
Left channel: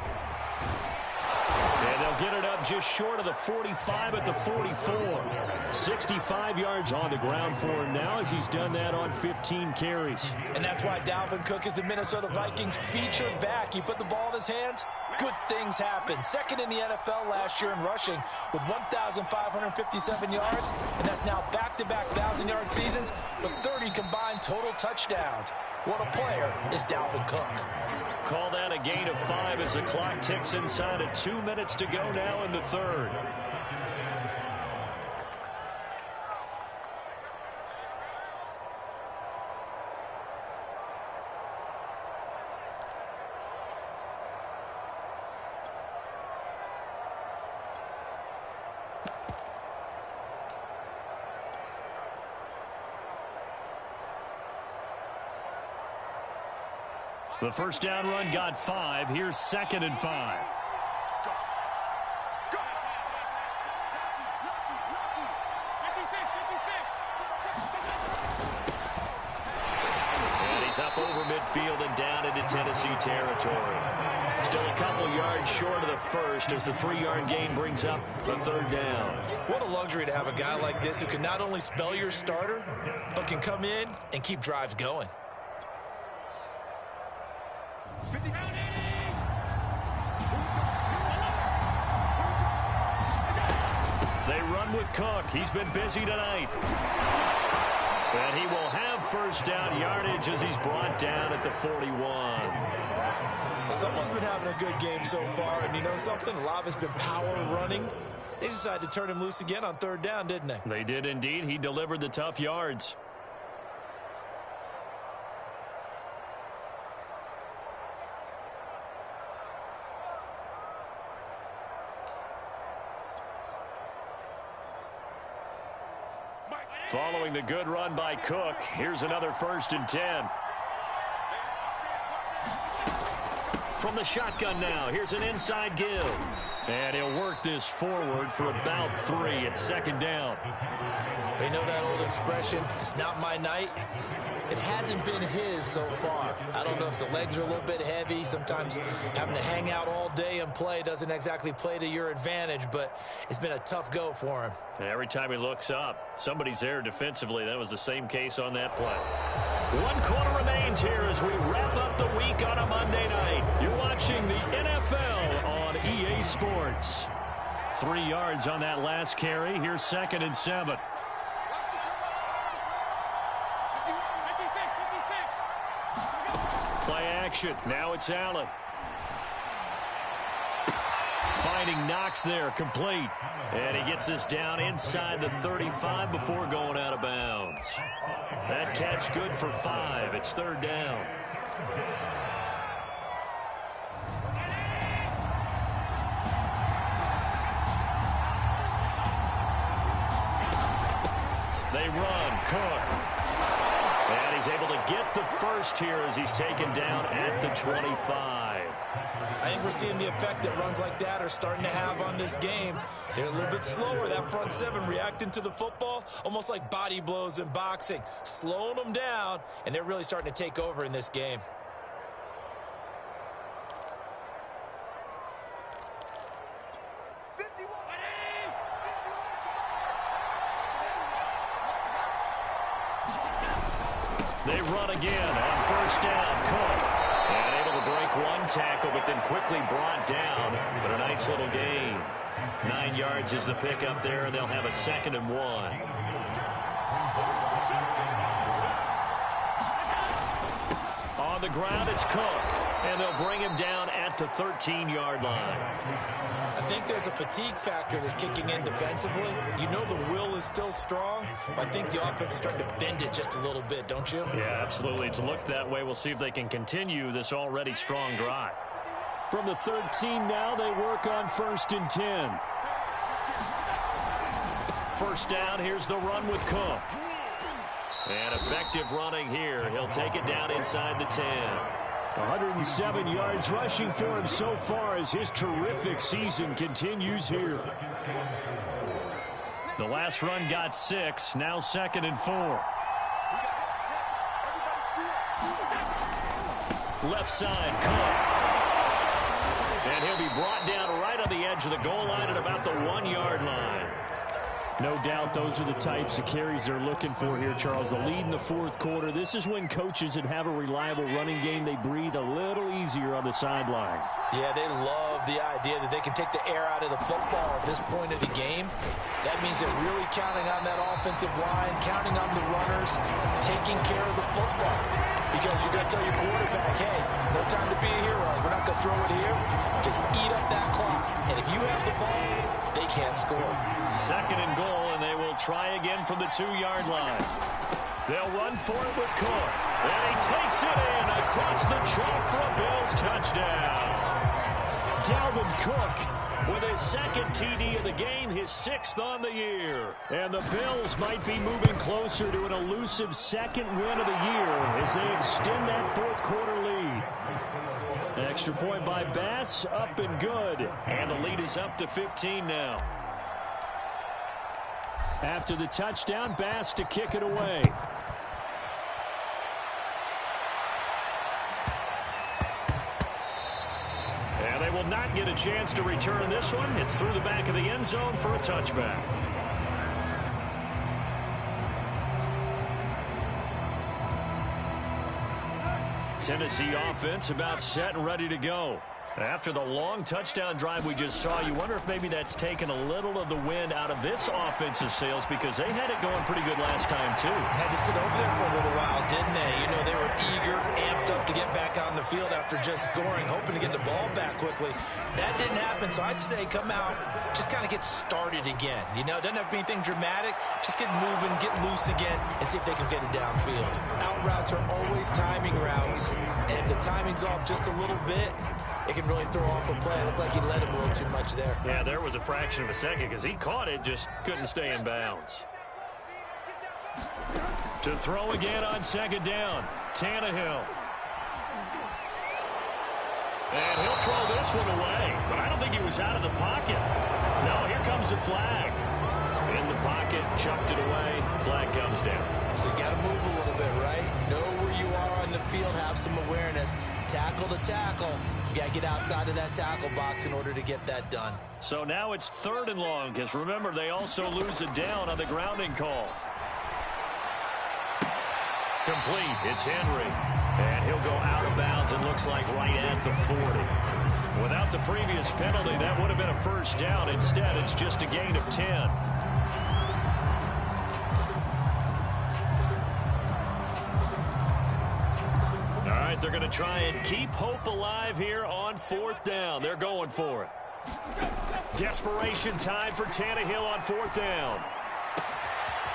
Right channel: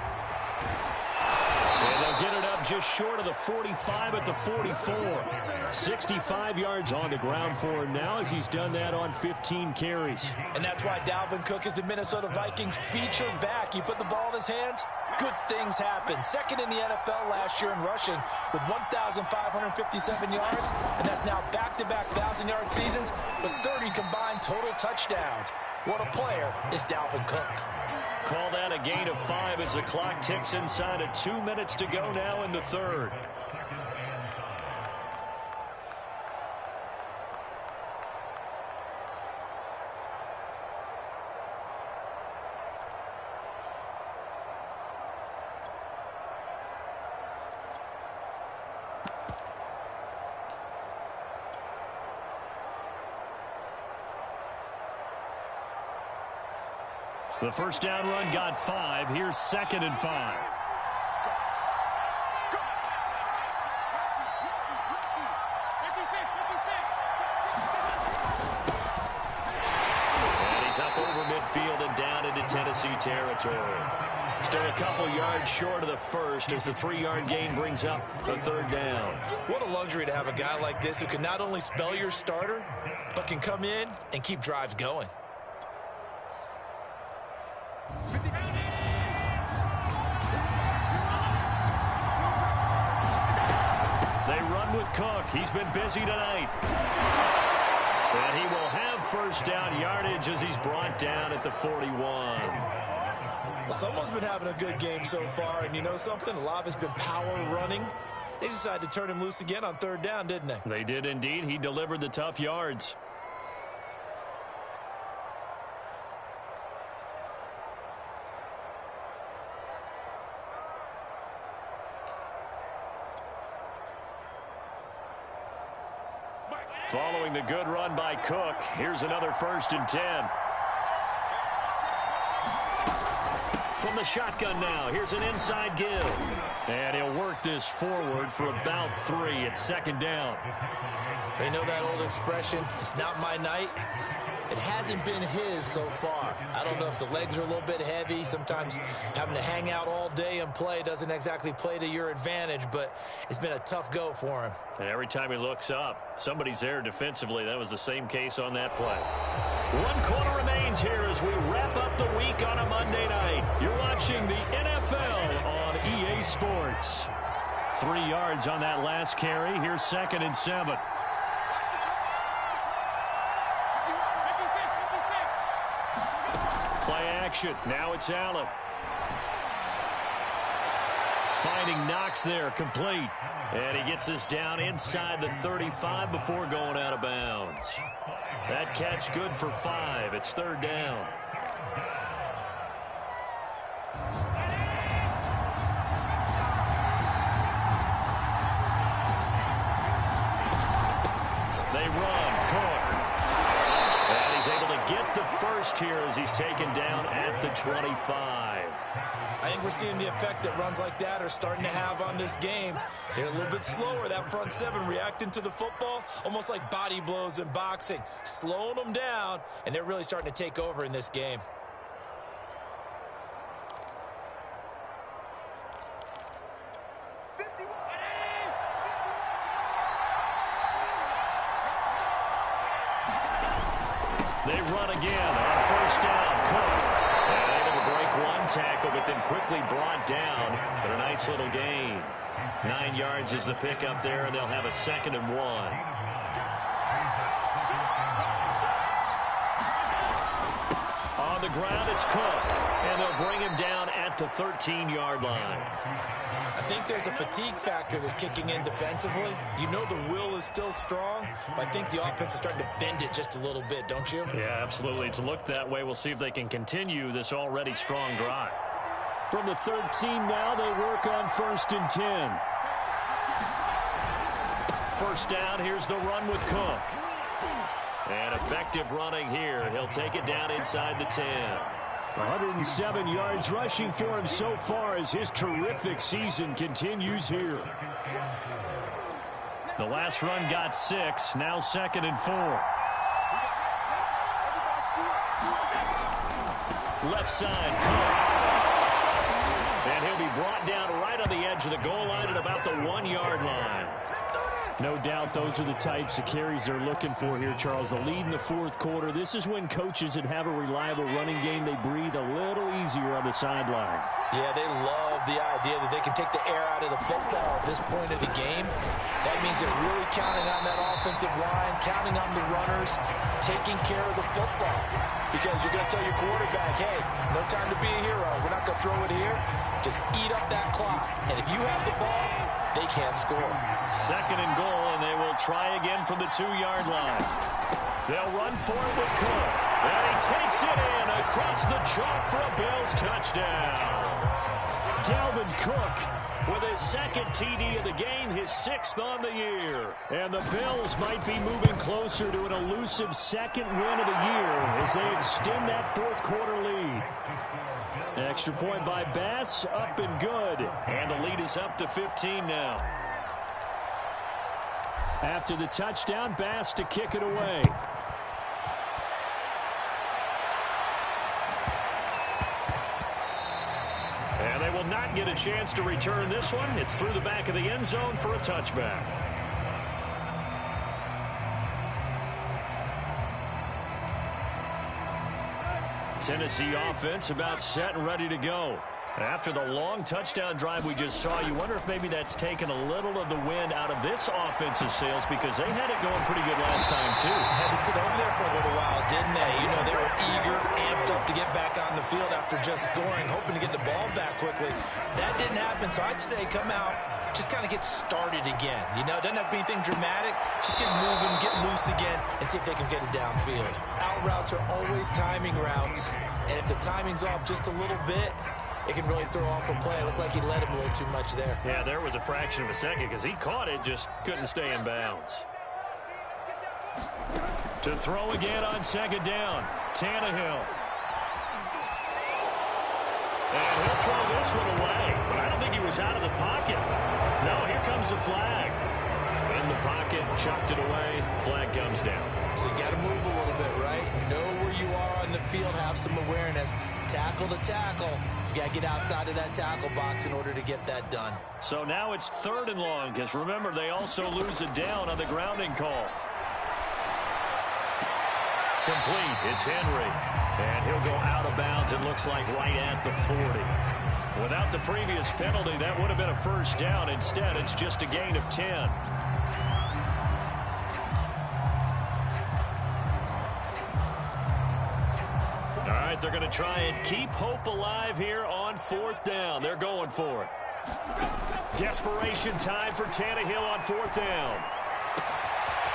And they'll get it up just short of the 45 at the 44. 65 yards on the ground for him now as he's done that on 15 carries. And that's why Dalvin Cook is the Minnesota Vikings featured back. You put the ball in his hands, good things happen. 2nd in the NFL last year in rushing with 1,557 yards. And that's now back-to-back 1,000-yard seasons with 30 combined total touchdowns. What a player is Dalvin Cook. Call that a gain of 5 as the clock ticks inside of 2 minutes to go now in the 3rd. The first down run got 5. Here's 2nd and 5. And he's up over midfield and down into Tennessee territory. Still a couple yards short of the first as the 3-yard gain brings up a 3rd down. What a luxury to have a guy like this who can not only spell your starter, but can come in and keep drives going. They run with Cook. He's been busy tonight. And he will have first down yardage as he's brought down at the 41. Well, someone's been having a good game so far, and you know something? A lot of it's been power running. They decided to turn him loose again on 3rd down, didn't they? They did indeed. He delivered the tough yards. Following the good run by Cook, here's another 1st and 10. from the shotgun now. Here's an inside give. And he'll work this forward for about 3. It's second down. You know that old expression, it's not my night? It hasn't been his so far. I don't know if the legs are a little bit heavy. Sometimes having to hang out all day and play doesn't exactly play to your advantage, but it's been a tough go for him. And every time he looks up, somebody's there defensively. That was the same case on that play. 1 quarter remains here as we wrap up the week on a Monday night. You're watching the NFL on EA Sports. 3 yards on that last carry. Here's 2nd and 7. Play action. Now it's Allen. Finding Knox there, complete. And he gets this down inside the 35 before going out of bounds. That catch good for 5. It's 3rd down. They run. Cook. And he's able to get the first here as he's taken down at the 25. I think we're seeing the effect that runs like that are starting to have on this game. They're a little bit slower, that front 7, reacting to the football, almost like body blows in boxing, slowing them down, and they're really starting to take over in this game. They run again on 1st down. Cook. And able to break 1 tackle, but then quickly brought down. But a nice little gain. 9 yards is the pickup there, and they'll have a 2nd and 1. On the ground, it's Cook. And they'll bring him down at the 13-yard line. I think there's a fatigue factor that's kicking in defensively. You know the will is still strong, but I think the offense is starting to bend it just a little bit, don't you? Yeah, absolutely. It's looked that way. We'll see if they can continue this already strong drive. From the 13 now, they work on 1st and 10. 1st down, here's the run with Cook. And effective running here. He'll take it down inside the 10. 107 yards rushing for him so far as his terrific season continues here. The last run got 6. Now 2nd and 4. Left side, Cook. And he'll be brought down right on the edge of the goal line at about the 1-yard line. No doubt those are the types of carries they're looking for here, Charles. The lead in the 4th quarter. This is when coaches that have a reliable running game, they breathe a little easier on the sideline. Yeah, they love the idea that they can take the air out of the football at this point of the game. That means they're really counting on that offensive line, counting on the runners, taking care of the football. Because you're going to tell your quarterback, hey, no time to be a hero. We're not going to throw it here. Just eat up that clock. And if you have the ball, they can't score. 2nd and goal, and they will try again from the 2-yard line. They'll run for it with Cook. And he takes it in across the chalk for a Bills touchdown. Dalvin Cook with his 2nd TD of the game, his 6th on the year. And the Bills might be moving closer to an elusive 2nd win of the year as they extend that 4th quarter lead. Extra point by Bass, up and good. And the lead is up to 15 now. After the touchdown, Bass to kick it away. And they will not get a chance to return this one. It's through the back of the end zone for a touchback. Tennessee offense about set and ready to go. After the long touchdown drive we just saw, you wonder if maybe that's taken a little of the wind out of this offense's sails because they had it going pretty good last time, too. Had to sit over there for a little while, didn't they? You know, they were eager, amped up to get back on the field after just scoring, hoping to get the ball back quickly. That didn't happen, so I'd say come out, just kind of get started again. You know, it doesn't have to be anything dramatic. Just get moving, get loose again, and see if they can get it downfield. Out routes are always timing routes, and if the timing's off just a little bit, it can really throw off a play. It looked like he led him a little too much there. Yeah, there was a fraction of a second because he caught it, just couldn't stay in bounds. To throw again on 2nd down, Tannehill. And he'll throw this one away. But I don't think he was out of the pocket. No, here comes the flag. In the pocket, chucked it away. Flag comes down. So you got to move a little bit, right? Know where you are on the field, have some awareness. Tackle to tackle. You got to get outside of that tackle box in order to get that done. So now it's 3rd and long, because remember, they also lose it down on the grounding call. Complete. It's Henry. And he'll go out of bounds, it looks like right at the 40. Without the previous penalty, that would have been a first down. Instead, it's just a gain of 10. All right, they're going to try and keep hope alive here on 4th down. They're going for it. Desperation time for Tannehill on 4th down.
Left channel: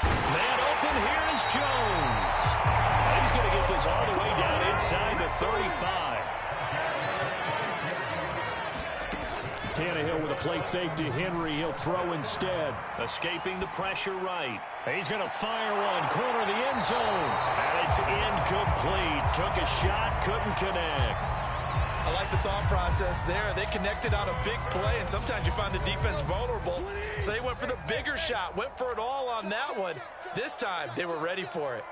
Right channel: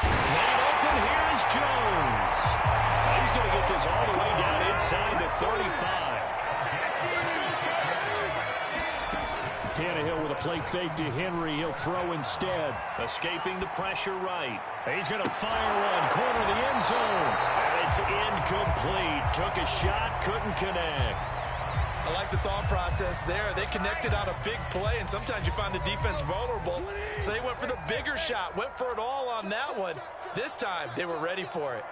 Man open, here is Jones. And he's going to get this all the way down inside the 35. Tannehill with a play fake to Henry. He'll throw instead. Escaping the pressure right. He's going to fire one. Corner of the end zone. And it's incomplete. Took a shot, couldn't connect. I like the thought process there. They connected on a big play, and sometimes you find the defense vulnerable. So they went for the bigger shot, went for it all on that one. This time, they were ready for it.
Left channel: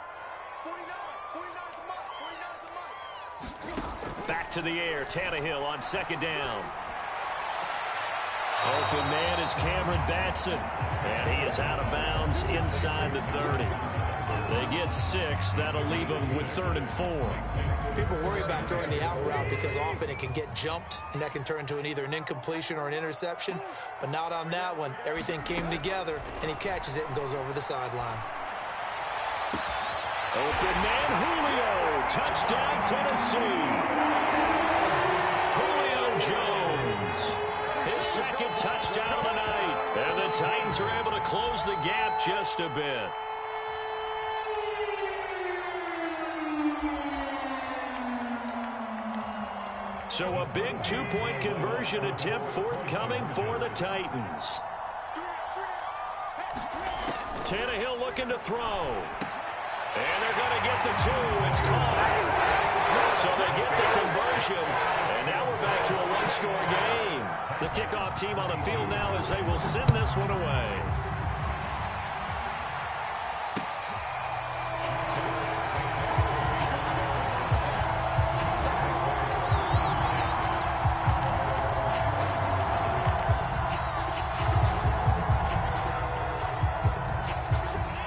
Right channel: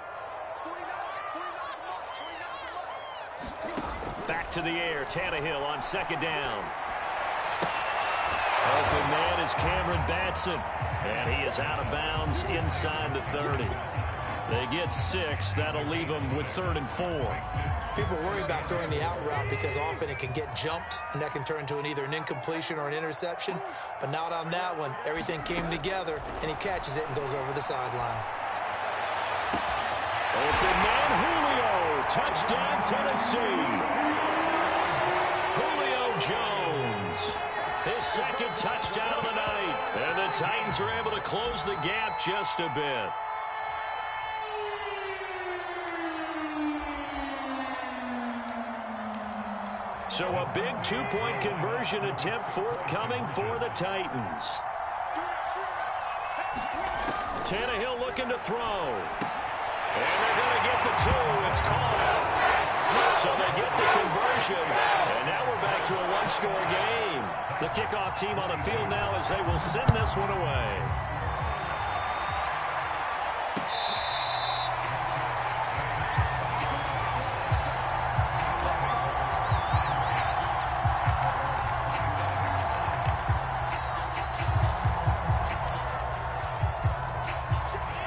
Back to the air. Tannehill on 2nd down. Open man is Cameron Batson. And he is out of bounds inside the 30. They get 6. That'll leave them with 3rd and 4. People worry about throwing the out route because often it can get jumped, and that can turn into either an incompletion or an interception. But not on that one. Everything came together, and he catches it and goes over the sideline. Open man, Julio. Touchdown, Tennessee. Julio Jones. His 2nd touchdown of the night. And the Titans are able to close the gap just a bit. So a big 2-point conversion attempt forthcoming for the Titans. Tannehill looking to throw. And they're going to get the 2. It's caught. So they get the conversion. And now we're back to a 1-score game. The kickoff team on the field now as they will send this one away.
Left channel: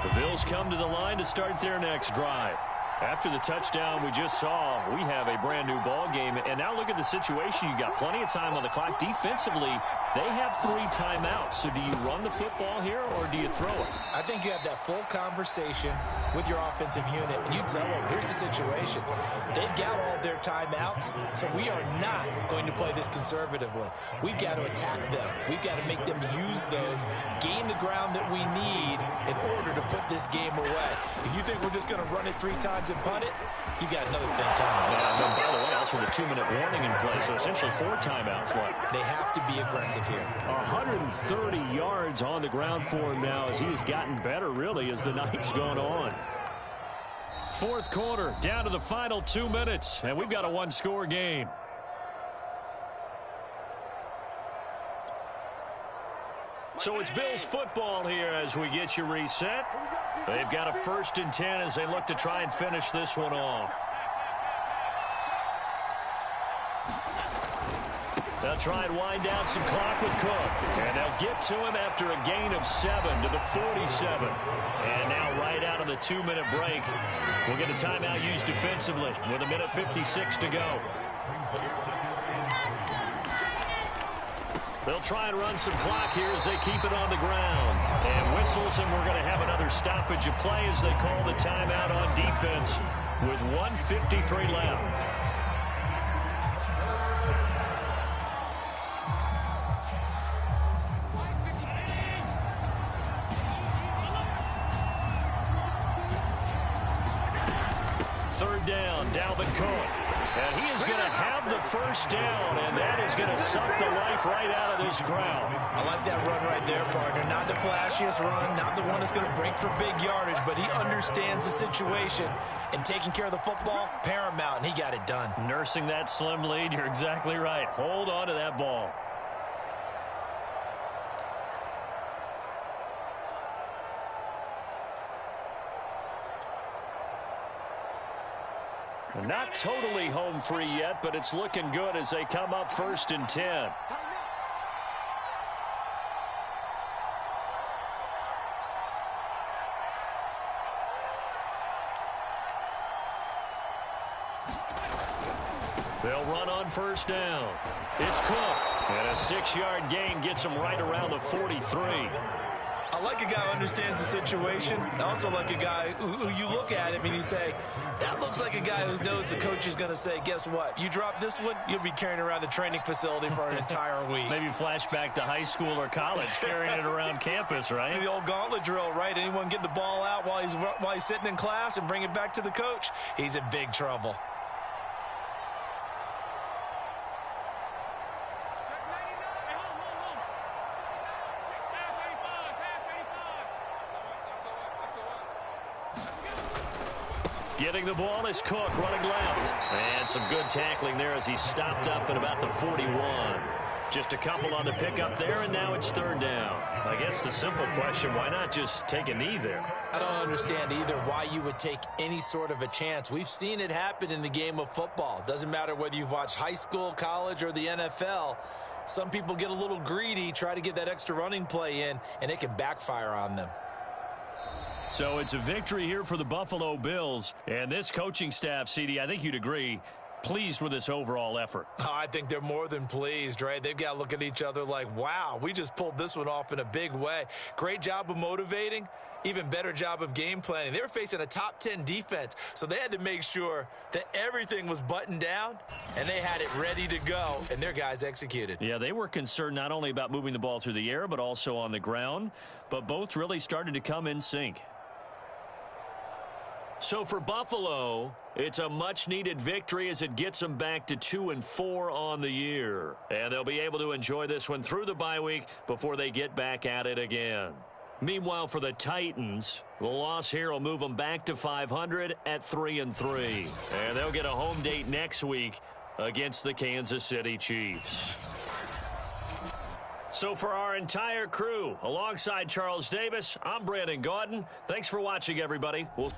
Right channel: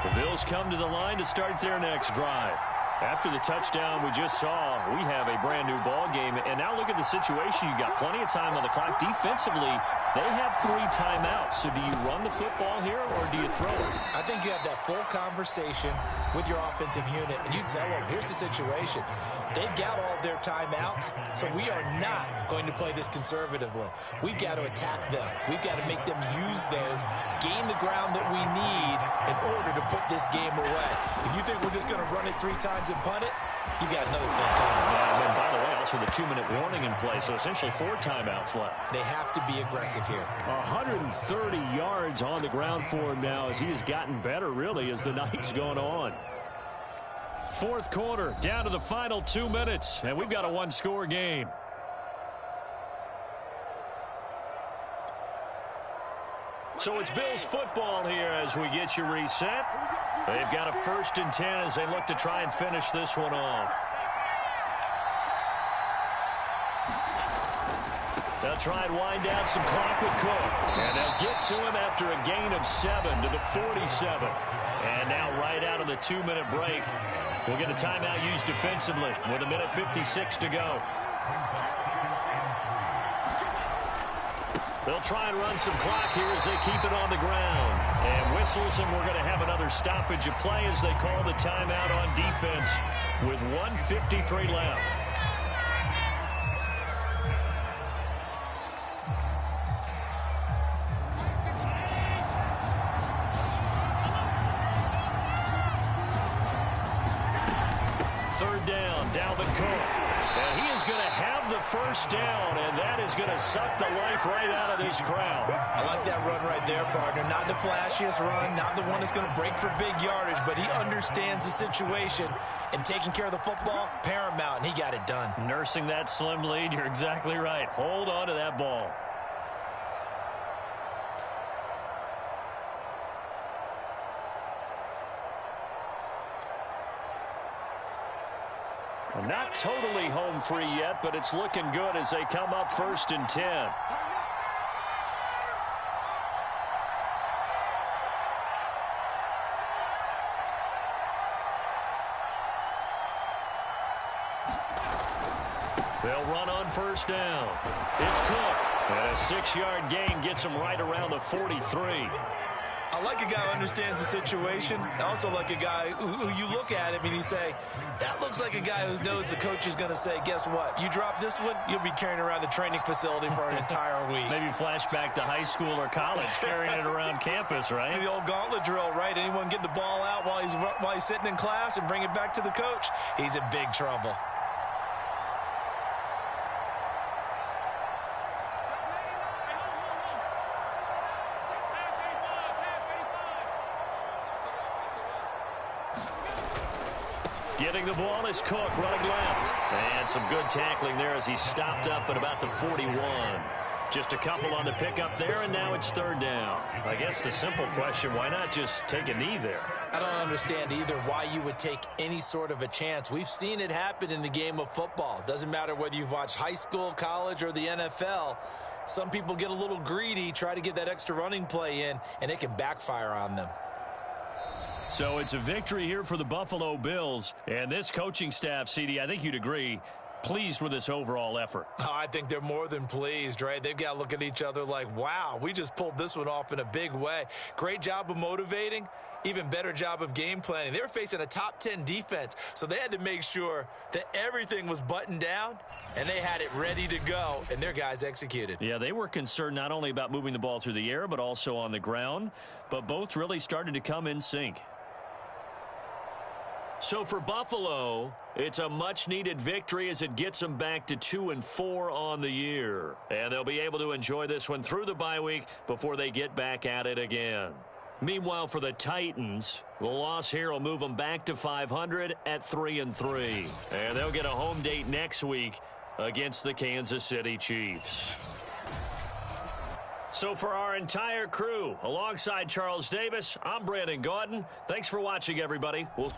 The Bills come to the line to start their next drive. After the touchdown we just saw, we have a brand new ball game. And now look at the situation. You got plenty of time on the clock. Defensively, they have 3 timeouts. So do you run the football here or do you throw it? I think you have that full conversation with your offensive unit, and you tell them, here's the situation. They've got all their timeouts, so we are not going to play this conservatively. We've got to attack them. We've got to make them use those, gain the ground that we need in order to put this game away. If you think we're just going to run it 3 times and punt it, you got another thing coming. Yeah, and then, by the way, also the 2-minute warning in play, so essentially 4 timeouts left. They have to be aggressive here. 130 yards on the ground for him now as he has gotten better, really, as the night's gone on. 4th quarter, down to the final 2 minutes, and we've got a 1-score game. So it's Bills football here as we get you reset. They've got a 1st and 10 as they look to try and finish this one off. They'll try and wind down some clock with Cook. And they'll get to him after a gain of 7 to the 47. And now right out of the 2-minute break, we'll get a timeout used defensively with 1:56 to go. They'll try and run some clock here as they keep it on the ground. And whistles, and we're going to have another stoppage of play as they call the timeout on defense with 1:53 left. Third down, Dalvin Cook. And he is going to have the first down, and that is going to suck the life right out of this crowd. I like that run right there, partner. Not the flashiest run, not the one that's going to break for big yardage, but he understands the situation, and taking care of the football, paramount, and he got it done. Nursing that slim lead, you're exactly right. Hold on to that ball. Not totally home free yet, but it's looking good as they come up 1st and 10. They'll run on 1st down. It's Cook. And a 6-yard gain gets him right around the 43. I like a guy who understands the situation. I also like a guy who you look at him and you say, that looks like a guy who knows the coach is going to say, guess what? You drop this one, you'll be carrying around the training facility for an entire week. Maybe flashback to high school or college, carrying it around campus, right? The old gauntlet drill, right? Anyone get the ball out while he's sitting in class and bring it back to the coach, he's in big trouble. Getting the ball is Cook running left. And some good tackling there as he stopped up at about the 41. Just a couple on the pickup there, and now it's 3rd down. I guess the simple question, why not just take a knee there? I don't understand either why you would take any sort of a chance. We've seen it happen in the game of football. Doesn't matter whether you've watched high school, college, or the NFL. Some people get a little greedy, try to get that extra running play in, and it can backfire on them. So it's a victory here for the Buffalo Bills. And this coaching staff, CD, I think you'd agree, pleased with this overall effort. Oh, I think they're more than pleased, right? They've got to look at each other like, wow, we just pulled this one off in a big way. Great job of motivating. Even better job of game planning. They were facing a top 10 defense, so they had to make sure that everything was buttoned down, and they had it ready to go, and their guys executed. Yeah, they were concerned not only about moving the ball through the air, but also on the ground, but both really started to come in sync. So for Buffalo, it's a much-needed victory as it gets them back to 2-4 on the year. And they'll be able to enjoy this one through the bye week before they get back at it again. Meanwhile, for the Titans, the loss here will move them back to 500 at 3-3. And they'll get a home date next week against the Kansas City Chiefs. So for our entire crew, alongside Charles Davis, I'm Brandon Gaudin. Thanks for watching, everybody. We'll